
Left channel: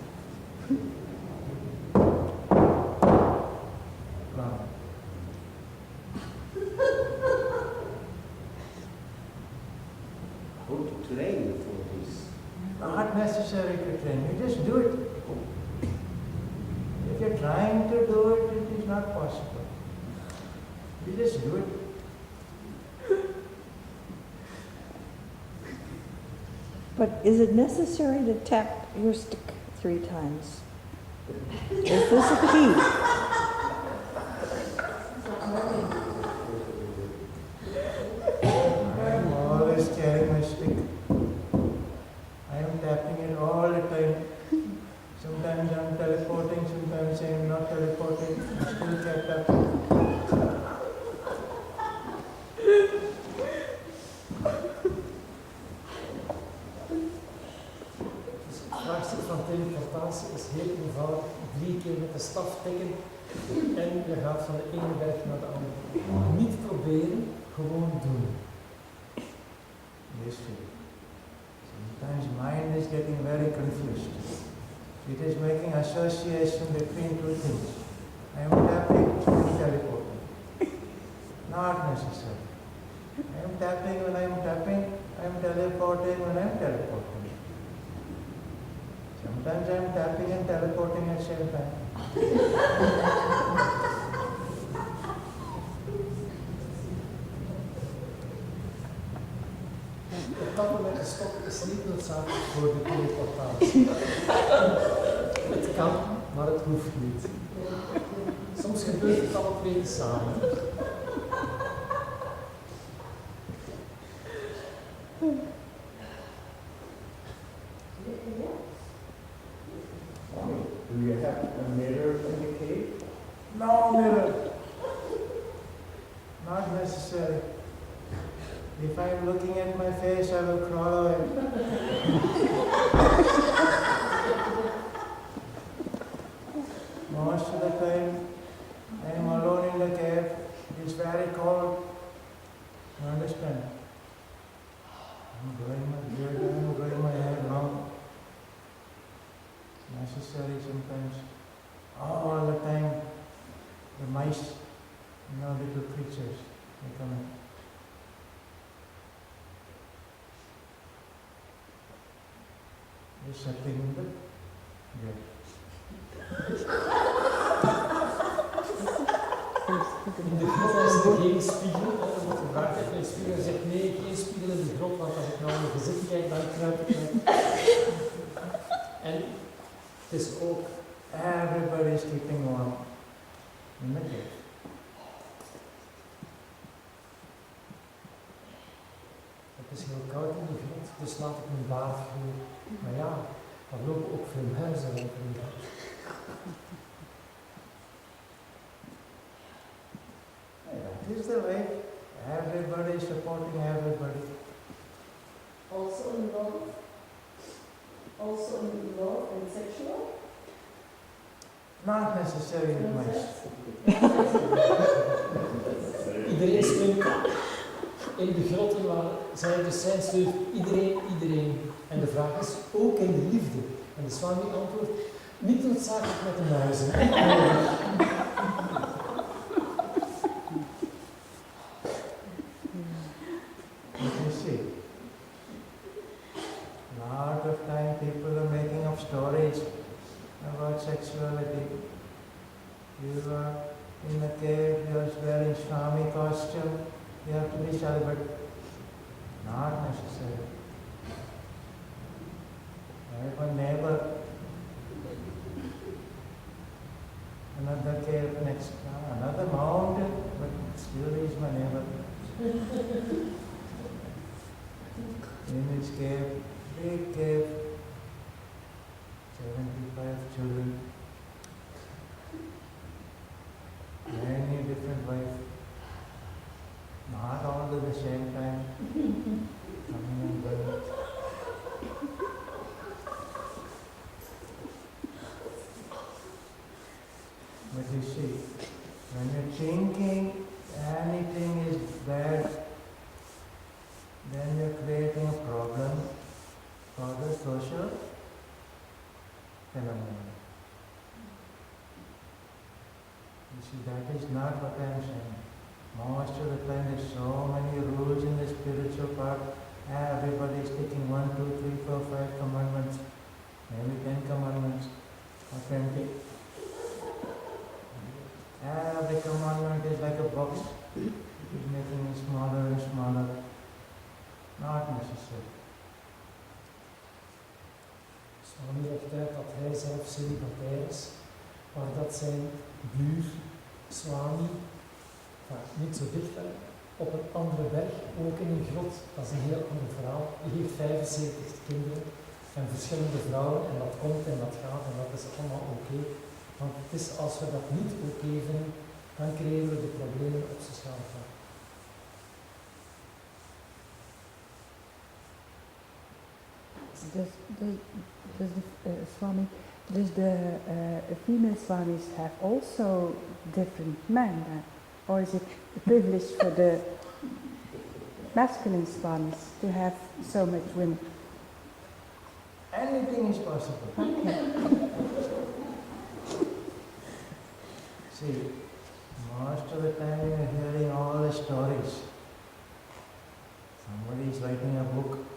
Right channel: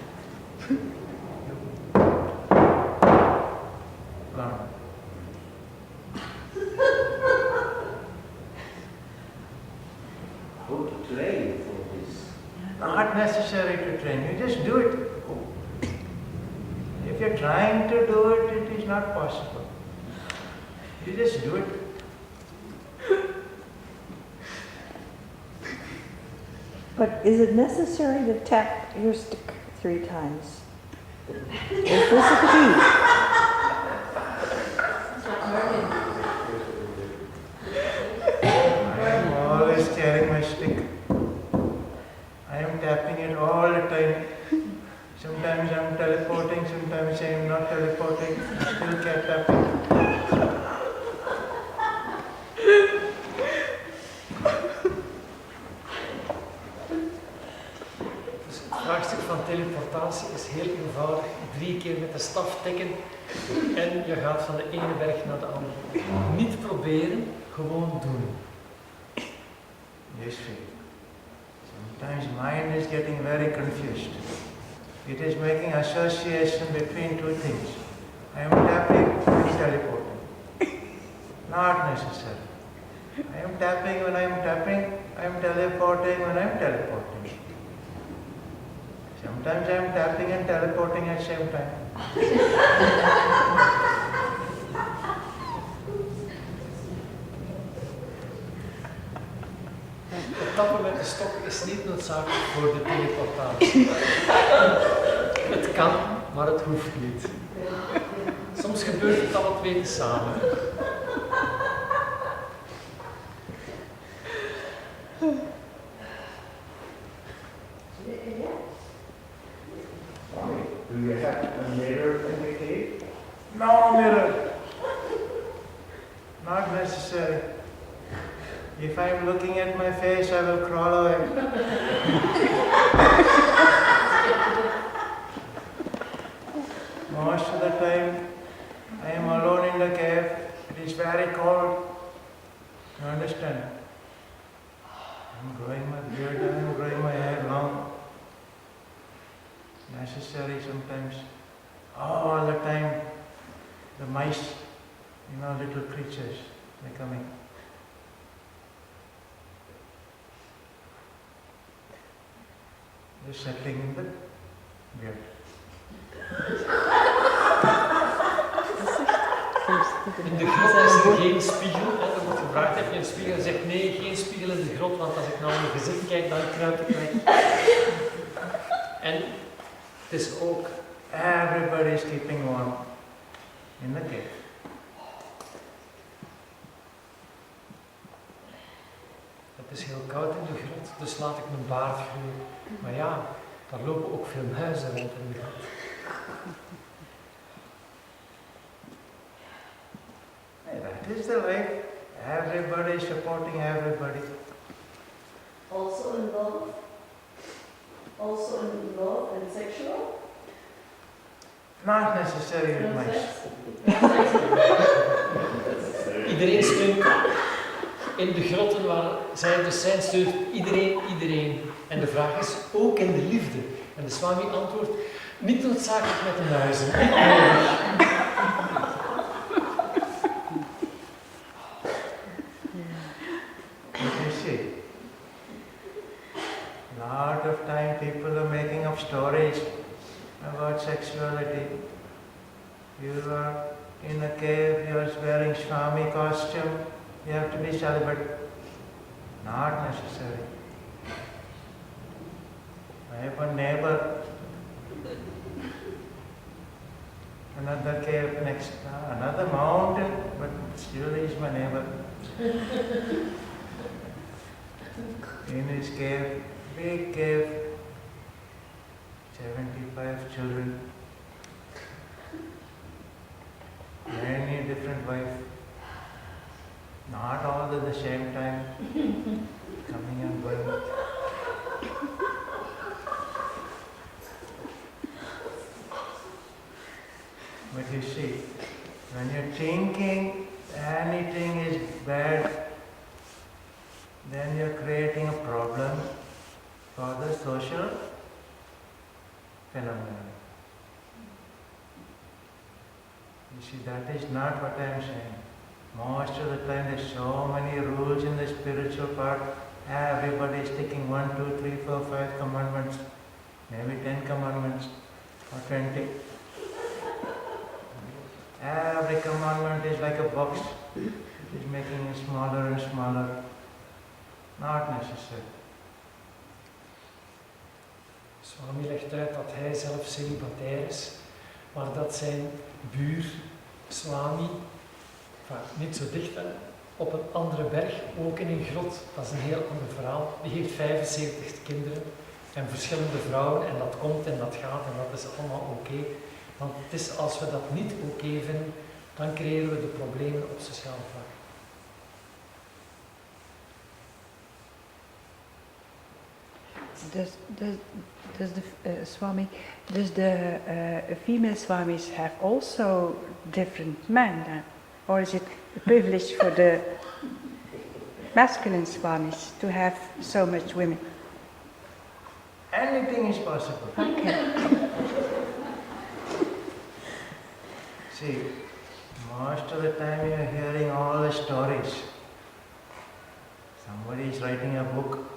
Gone. How to train for this? Not necessary to train, you just do it. If you're trying to do it, it is not possible. You just do it. But is it necessary to tap your stick 3 times? Is this a key? my stick. I am tapping it all the time. Sometimes I am teleporting, sometimes I am not teleporting. I still keep tapping. Dus het vraagstuk van teleportatie is heel eenvoudig. 3 keer met de staf tikken en je gaat van de ene berg naar de andere. Niet proberen, gewoon doen. Yes, Sri. Sometimes mind is getting very confused. It is making association between two things. I am tapping and teleporting. Not necessary. I am tapping when I am tapping. I am teleporting when I am teleporting. Sometimes I am tapping and teleporting at the same time. Het tappen met de stok is niet noodzakelijk voor de teleportatie. Het kan, maar het hoeft niet. Soms gebeurt het alle twee samen. Do you have a mirror in the cave? No mirror. Not necessary. If I am looking at my face, I will crawl away. Most of the time, I am alone in the cave. It is very cold. You understand? I'm growing my beard, I'm growing my hair long. Necessary sometimes. All the time, the mice, little creatures, they're coming. They're settling in the beard. In de grot is er geen spiegel. Er wordt gevraagd, heb je een spiegel? Hij zegt nee, geen spiegel in de grot, want als ik naar mijn gezicht kijk, dan kruip ik weg. En het is ook, Everybody is keeping warm in the cave. het is heel koud in de grot, dus laat ik mijn baard groeien. Maar ja, daar lopen ook veel muizen rond in de grot. That is the life. Everybody is supporting everybody. Also in love? Also in love and sexual? Not necessarily with mice. Iedereen steunt in de grotten waar zij dus zijn, steunt iedereen. En de vraag is, ook in de liefde. En de Swami antwoordt, niet noodzakelijk met de muizen. You see, a lot of time people are making up stories about sexuality. You are in a cave, you are wearing Swami costume, you have to be celibate. Not necessary. I have a neighbor, another cave next, another mountain, but still he is my neighbor. In his cave, big cave, 75 children, many different wives, not all at the same time, coming and going. But you see, when you're thinking anything is bad, then you're creating a problem for the social phenomenon. You see, that is not what I am saying. Most of the time there's so many rules in the spiritual part. Everybody is taking 1, 2, 3, 4, 5 commandments, maybe 10 commandments or 20. Every commandment is like a box. It is making it smaller and smaller. Not necessary. Swami legt uit dat hij zelf celibatair is, maar dat zijn buur, Swami, niet zo dicht op een andere berg, ook in een grot. Dat is een heel ander verhaal. Die heeft 75 kinderen en verschillende vrouwen en dat komt en dat gaat en dat is allemaal oké. Want het is als we dat niet oké vinden, dan creëren we de problemen op sociaal vlak. Does the Swami, does the female Swamis have also different men then? Or is it a privilege for the masculine Swamis to have so much women? Anything is possible. Okay. See, most of the time you are hearing all the stories. Somebody is writing a book.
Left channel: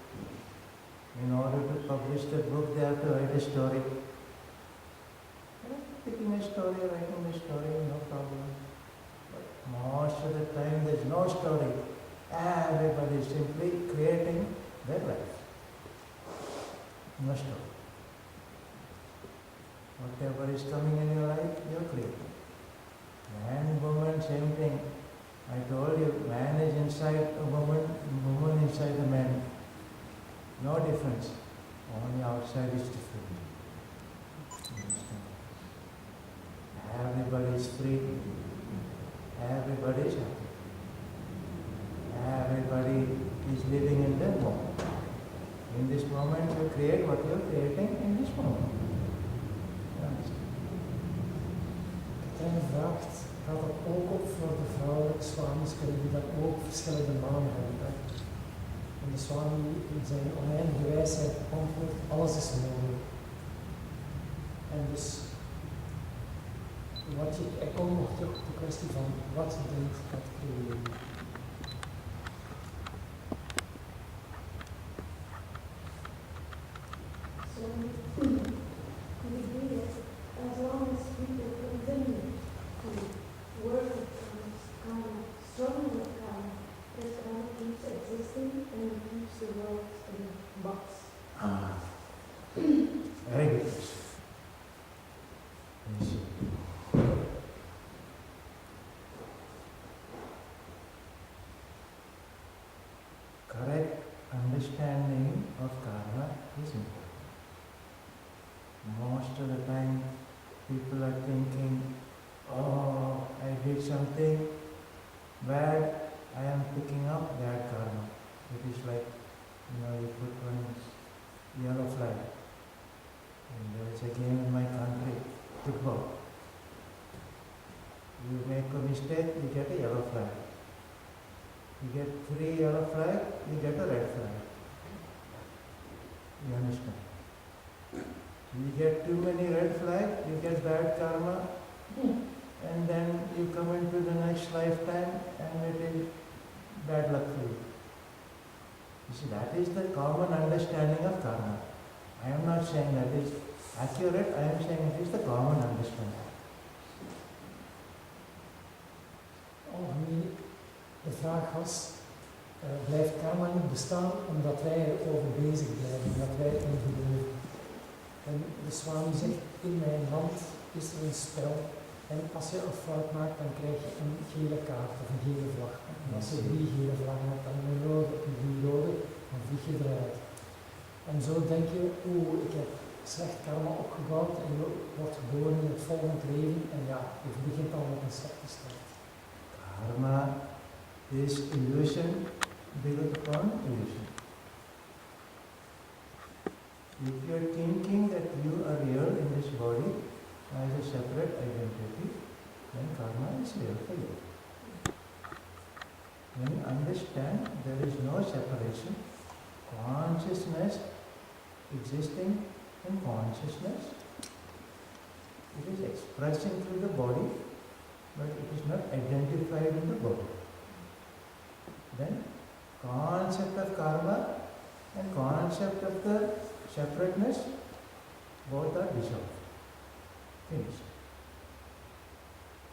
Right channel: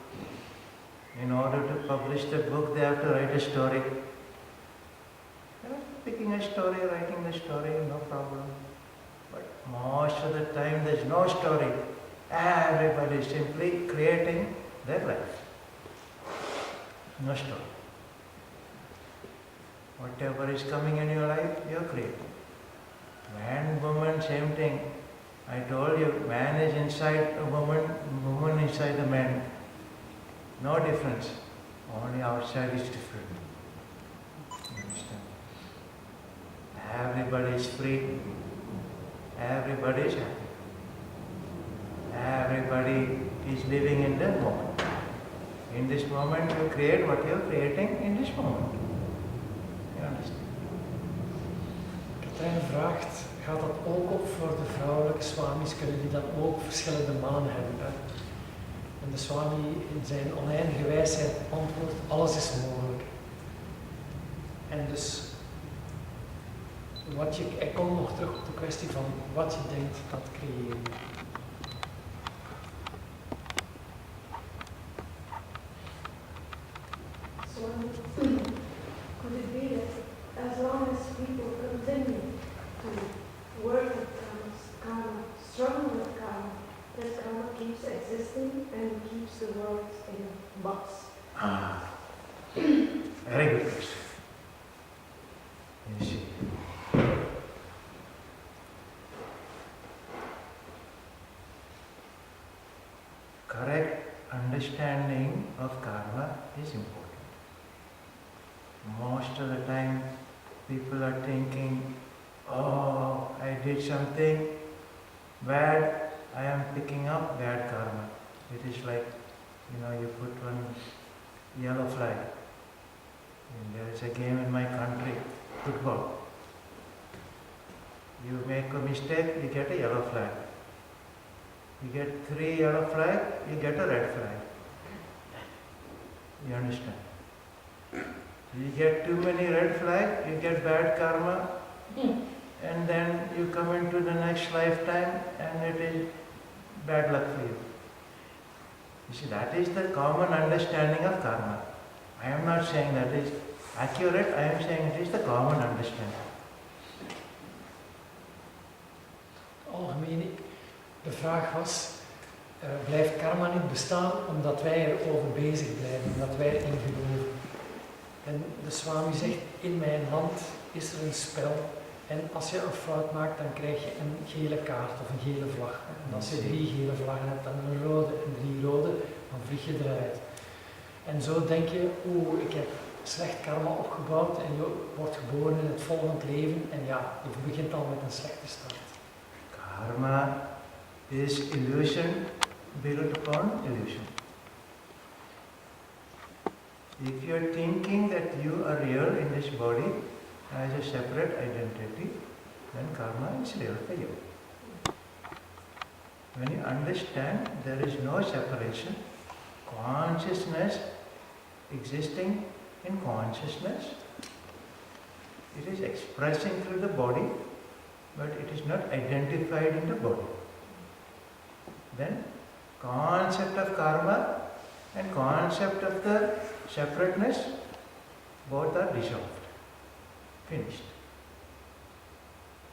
In order to publish the book, they have to write a story. Picking a story, writing the story, no problem. But most of the time there's no story. Everybody is simply creating their life. No story. Whatever is coming in your life, you're creating. Man, woman, same thing. I told you, man is inside a woman, woman inside a man. No difference. Only outside is different. You understand? Everybody is free. Everybody is happy. Everybody is living in the moment. In this moment you create what you are creating in this moment. You understand? Katrijn vraagt, gaat dat ook op voor de vrouwelijke swamis? Kunnen die dan ook verschillende manen hebben? Hè? En de swami in zijn oneindige wijsheid antwoordt, alles is mogelijk. En dus, ik kom nog terug op de kwestie van wat je denkt, dat creëer je. So, could it be that as long as people continue to work with karma, struggle with karma, that karma keeps existing and keeps the world in a box? Very good question. You see. Correct understanding of karma is important. Most of the time people are thinking, oh, I did something bad, I am picking up bad karma. It is like, you put one yellow flag. And there is a game in my country, football. You make a mistake, you get a yellow flag. You get 3 yellow flags, you get a red flag. You understand? So you get too many red flags, you get bad karma, and then you come into the next lifetime and it is bad luck for you. You see, that is the common understanding of karma. I am not saying that is accurate, I am saying it is the common understanding. Algemeen, de vraag was, blijft karma niet bestaan omdat wij erover bezig blijven, omdat wij erin geloven? En de Swami zegt, in mijn hand is er een spel en als je een fout maakt, dan krijg je een gele kaart of een gele vlag. En als je 3 gele vlaggen hebt, dan een rode en 3 rode, dan vlieg je eruit. En zo denk je, ik heb slecht karma opgebouwd en je wordt geboren in het volgend leven en ja, je begint al met een slechte start. Karma is illusion built upon illusion. If you are thinking that you are real in this body as a separate identity, then karma is real for you. When you understand there is no separation, consciousness existing in consciousness, it is expressing through the body, but it is not identified in the body. Then concept of karma and concept of the separateness, both are dissolved, finished.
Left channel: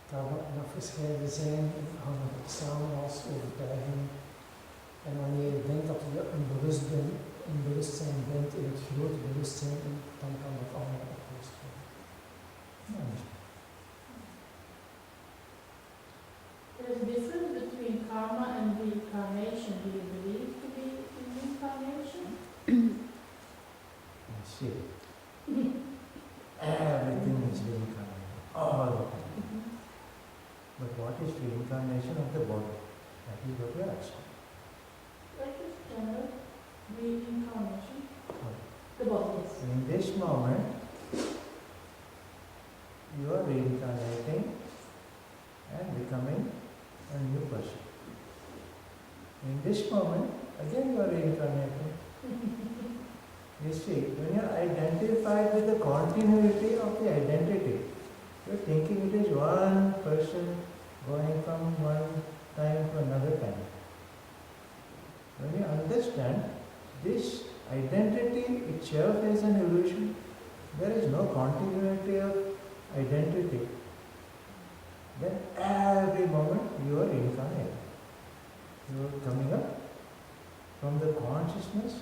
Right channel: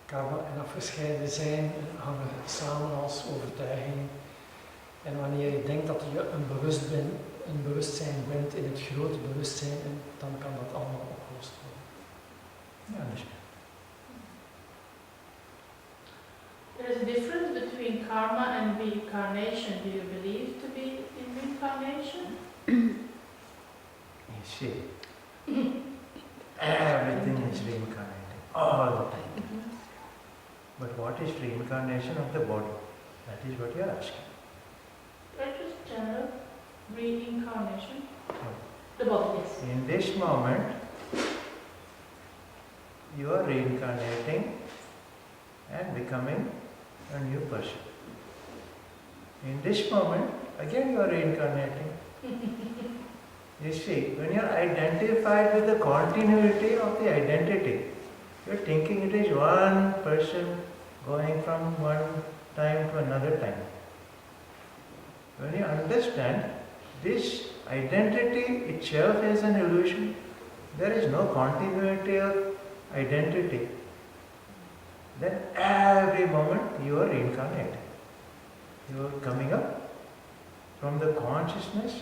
Karma en afgescheiden zijn hangen samen als overtuiging. En wanneer je denkt dat je een bewustzijn bent in het grote bewustzijn, dan kan dat allemaal opgelost worden. You understand? There is a difference between karma and reincarnation, do you believe to be in reincarnation? You see, everything is reincarnating all the time. But what is reincarnation of the body? That is what you are asking. Like just general reincarnation? No. The body, yes. In this moment, you are reincarnating and becoming a new person. In this moment, again you are reincarnating. You see, when you are identified with the continuity of the identity, you are thinking it is one person going from one time to another time. When you understand this identity itself is an illusion, there is no continuity of identity, then every moment you are reincarnating. You are coming up from the consciousness,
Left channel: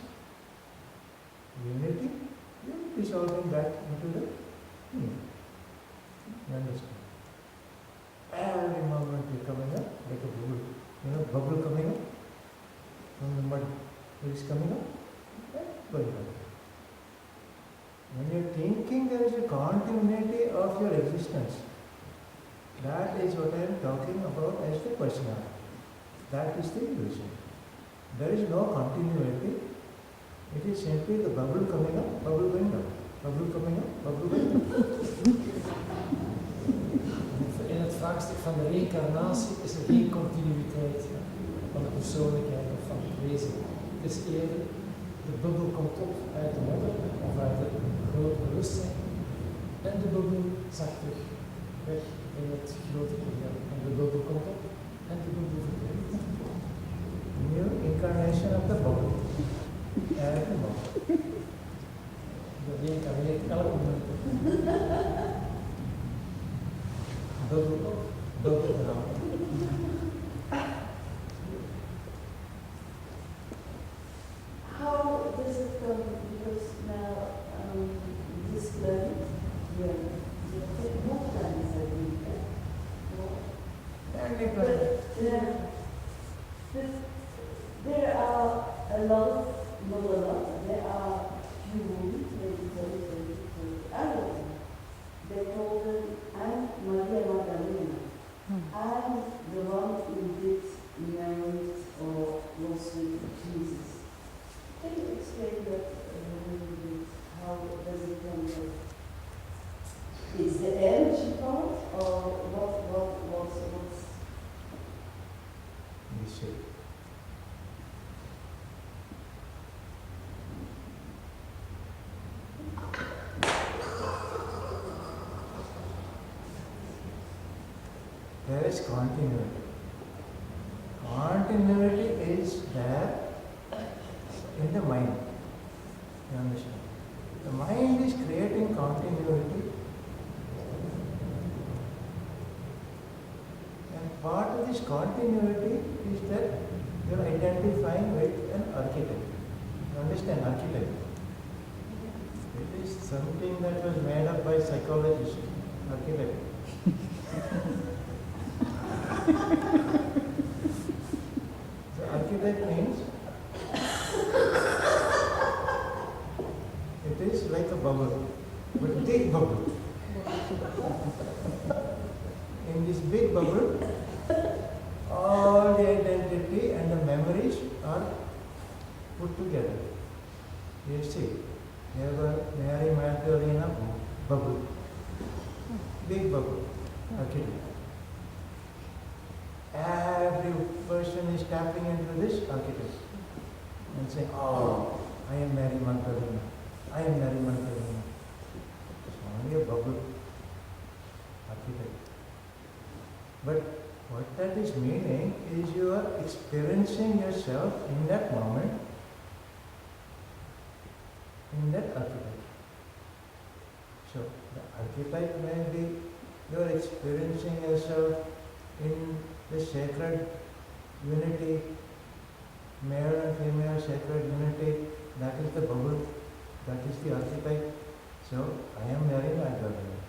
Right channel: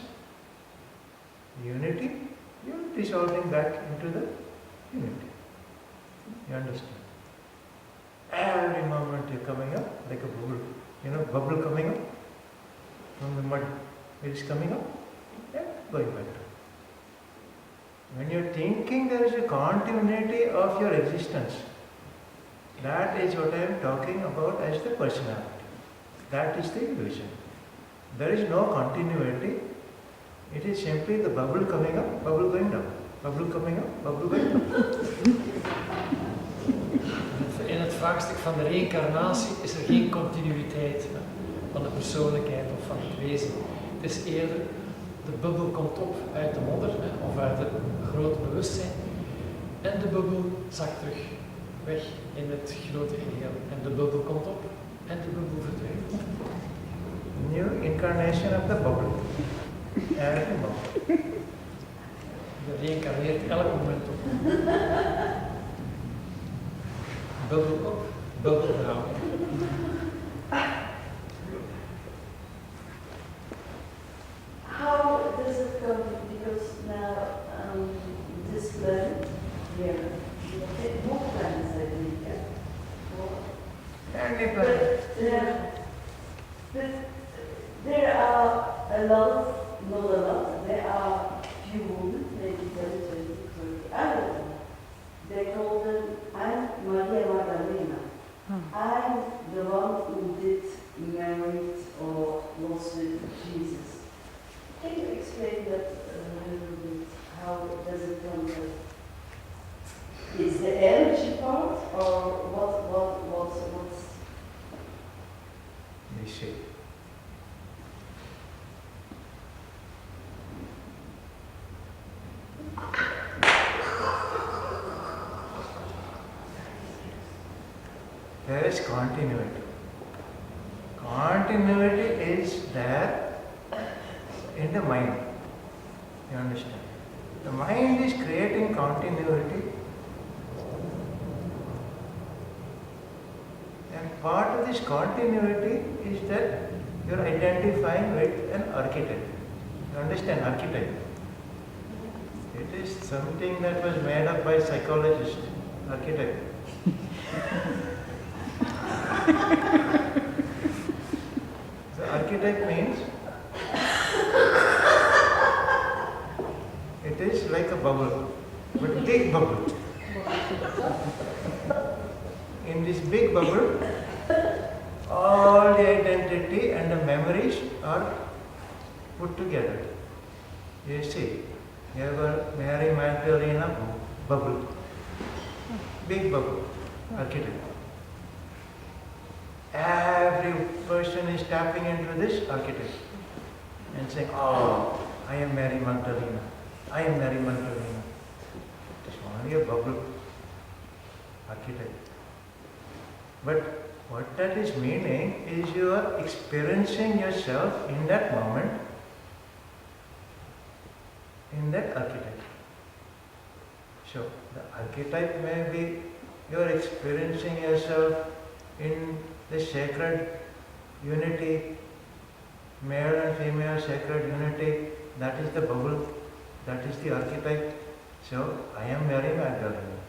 unity, you are dissolving back into the unity. You understand? Every moment you are coming up like a bubble. You know, bubble coming up from the mud. It is coming up and going back down. When you are thinking there is a continuity of your existence, that is what I am talking about as the personality. That is the illusion. There is no continuity. It is simply the bubble coming up, bubble going down. Bubble coming up, bubble going down. In het vraagstuk van de reïncarnatie is er geen continuïteit van de persoonlijkheid of van het wezen. Het is eerder, de bubbel komt op uit de modder of uit het grote bewustzijn en de bubbel zakt terug weg in het grote geheel. En de bubbel komt op en de bubbel verdwijnt. New incarnation of the bubble. Every moment. Je reïncarneert elk moment op. Bubbel op, bubbel down. How does it come? Because now this planet, more planets I think, Any planet. But there are a lot, not a lot, there are few women, maybe 10, 20, 30, I don't know. They call them, I'm Maria Magdalena. I'm the one who did married or was with Jesus. Can you explain that a little bit? How does it come that it's the energy part or what's You see. There is continuity. Continuity is there in the mind. You understand? The mind is creating continuity, and part of this continuity is that you are identifying with an archetype. You understand archetype? It is something that was made up by psychologists. Archetype. The archetype means it is like a bubble, but a big bubble. In this big bubble, all the identity and the memories are put together. You see, you have a Mary Magdalena bubble, big bubble, archetype. Every person is tapping into this archetype and saying, oh, I am Mary Magdalena. I am Mary Magdalena. It is only a bubble archetype. But what that is meaning is you are experiencing yourself in that moment, in that archetype. So the archetype may be you are experiencing yourself in the sacred unity, male and female sacred unity, that is the bubble, that is the archetype. So I am Mary Magdalene.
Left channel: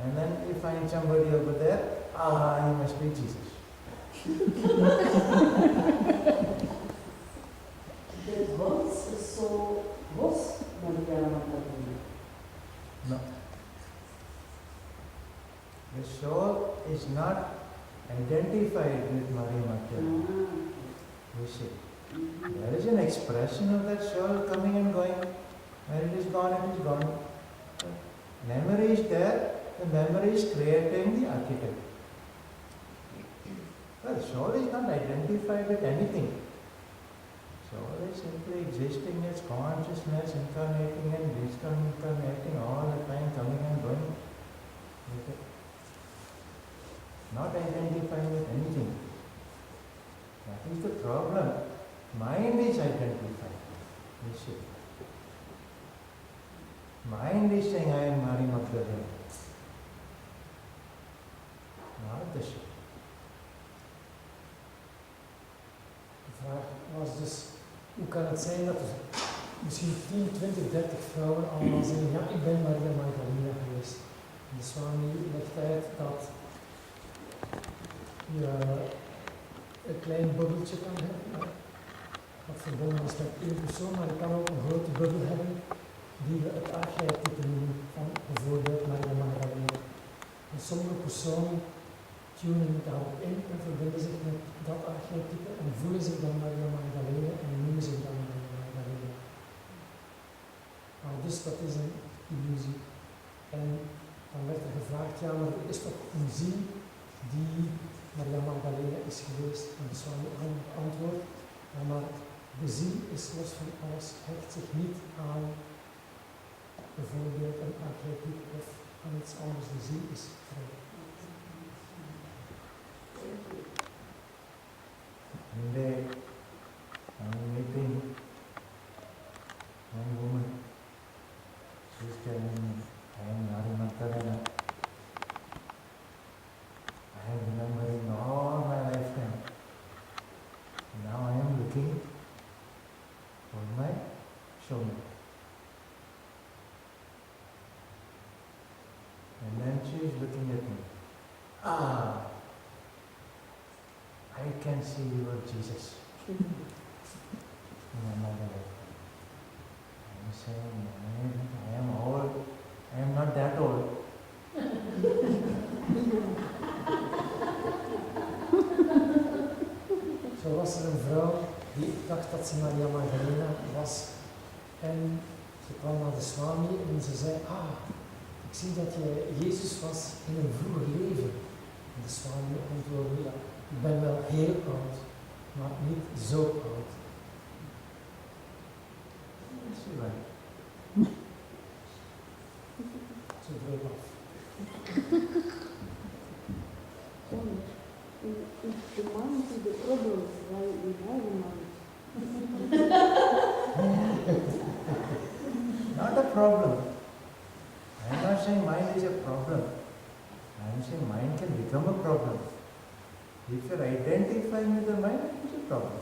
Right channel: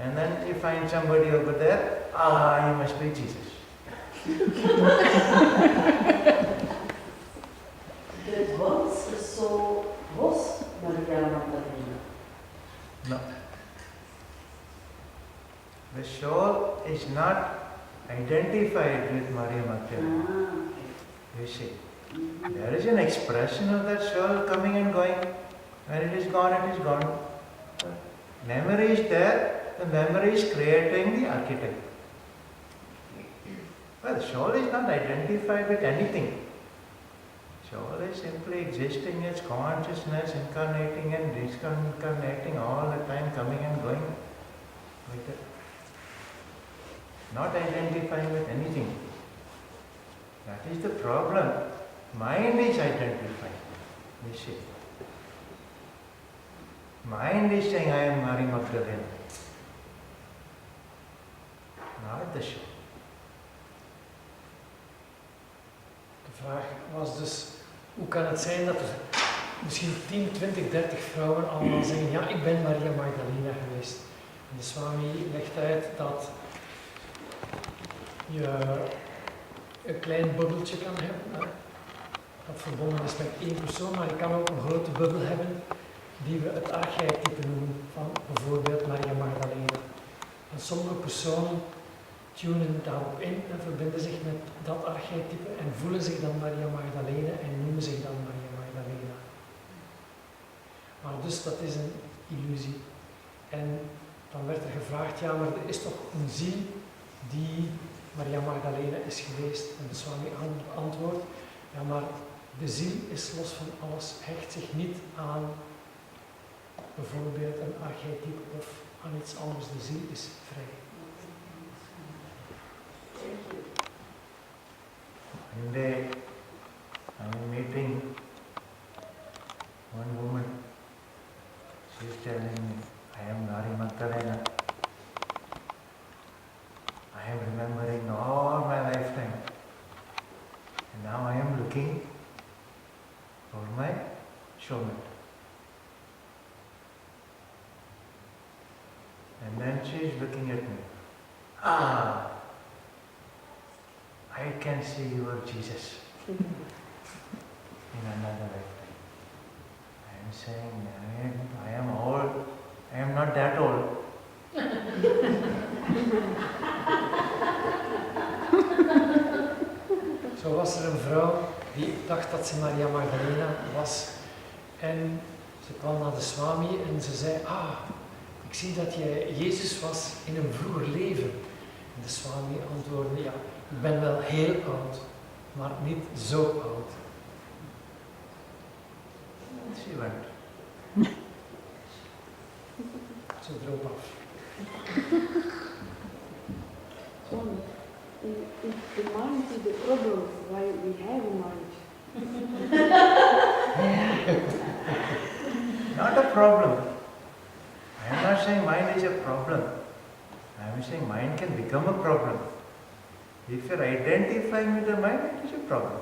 And then you find somebody over there, you must be Jesus. That once the soul was Maria Magdalena. No. The soul is not identified with Maria Magdalena. Okay. You see, there is an expression of that soul coming and going. When it is gone, it is gone. The memory is there, the memory is creating the architect. Well, the soul is not identified with anything. Soul is simply existing as consciousness, incarnating and discarnating all the time, coming and going. Like that. Not identifying with anything. That is the problem. Mind is identifying. You see. Mind is saying, I am Maria Magdalena. Not the soul. De vraag was dus, hoe kan het zijn dat er misschien 10, 20, 30 vrouwen allemaal zeggen, ja, ik ben Maria Magdalena geweest. En de Swami legt uit dat je een klein bubbeltje kan hebben, dat verbonden is met één persoon, maar je kan ook een grote bubbel hebben, die we het archetype noemen, van bijvoorbeeld Maria Magdalena. En sommige personen tunen daarop in en verbinden zich met dat archetype en voelen zich dan Maria Magdalena en noemen zich dan Maria Magdalena. Maar dus dat is een illusie. En dan werd er gevraagd, ja, maar er is toch een ziel die Maria Magdalena is geweest? En de Swami antwoordt, ja, maar de ziel is los van alles, hecht zich niet aan bijvoorbeeld een archetype of aan iets anders. De ziel is vrij. One day, I am meeting one woman. She is telling me, I am Maria Magdalena. I am remembering all my lifetime. And now I am looking for my soulmate. And then she is looking at me. Ah! I can see you are Jesus in another lifetime. I am saying, I am old. I am not that old. Zo was er een vrouw die dacht dat ze Maria Magdalena was. En ze kwam naar de Swami en ze zei, ik zie dat jij Jezus was in een vroeger leven. En de Swami antwoordde, ja, ik ben wel heel oud, maar niet zo oud. She went. Ze droop af. So, if the mind is the problem, why we have a mind? Not a problem. I am not saying mind is a problem. I am saying mind can become a problem. If you are identifying with the mind, it is a problem.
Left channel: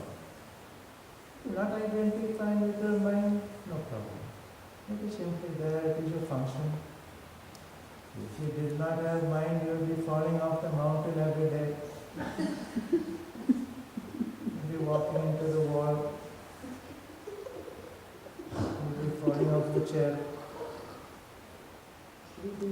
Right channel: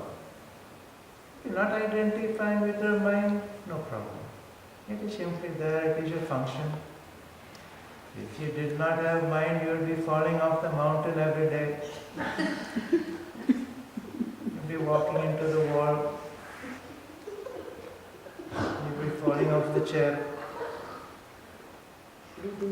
If you are not identifying with the mind, no problem. It is simply there, it is a function. If you did not have mind, you would be falling off the mountain every day. You'd be walking into the wall. You'd be falling off the chair. With the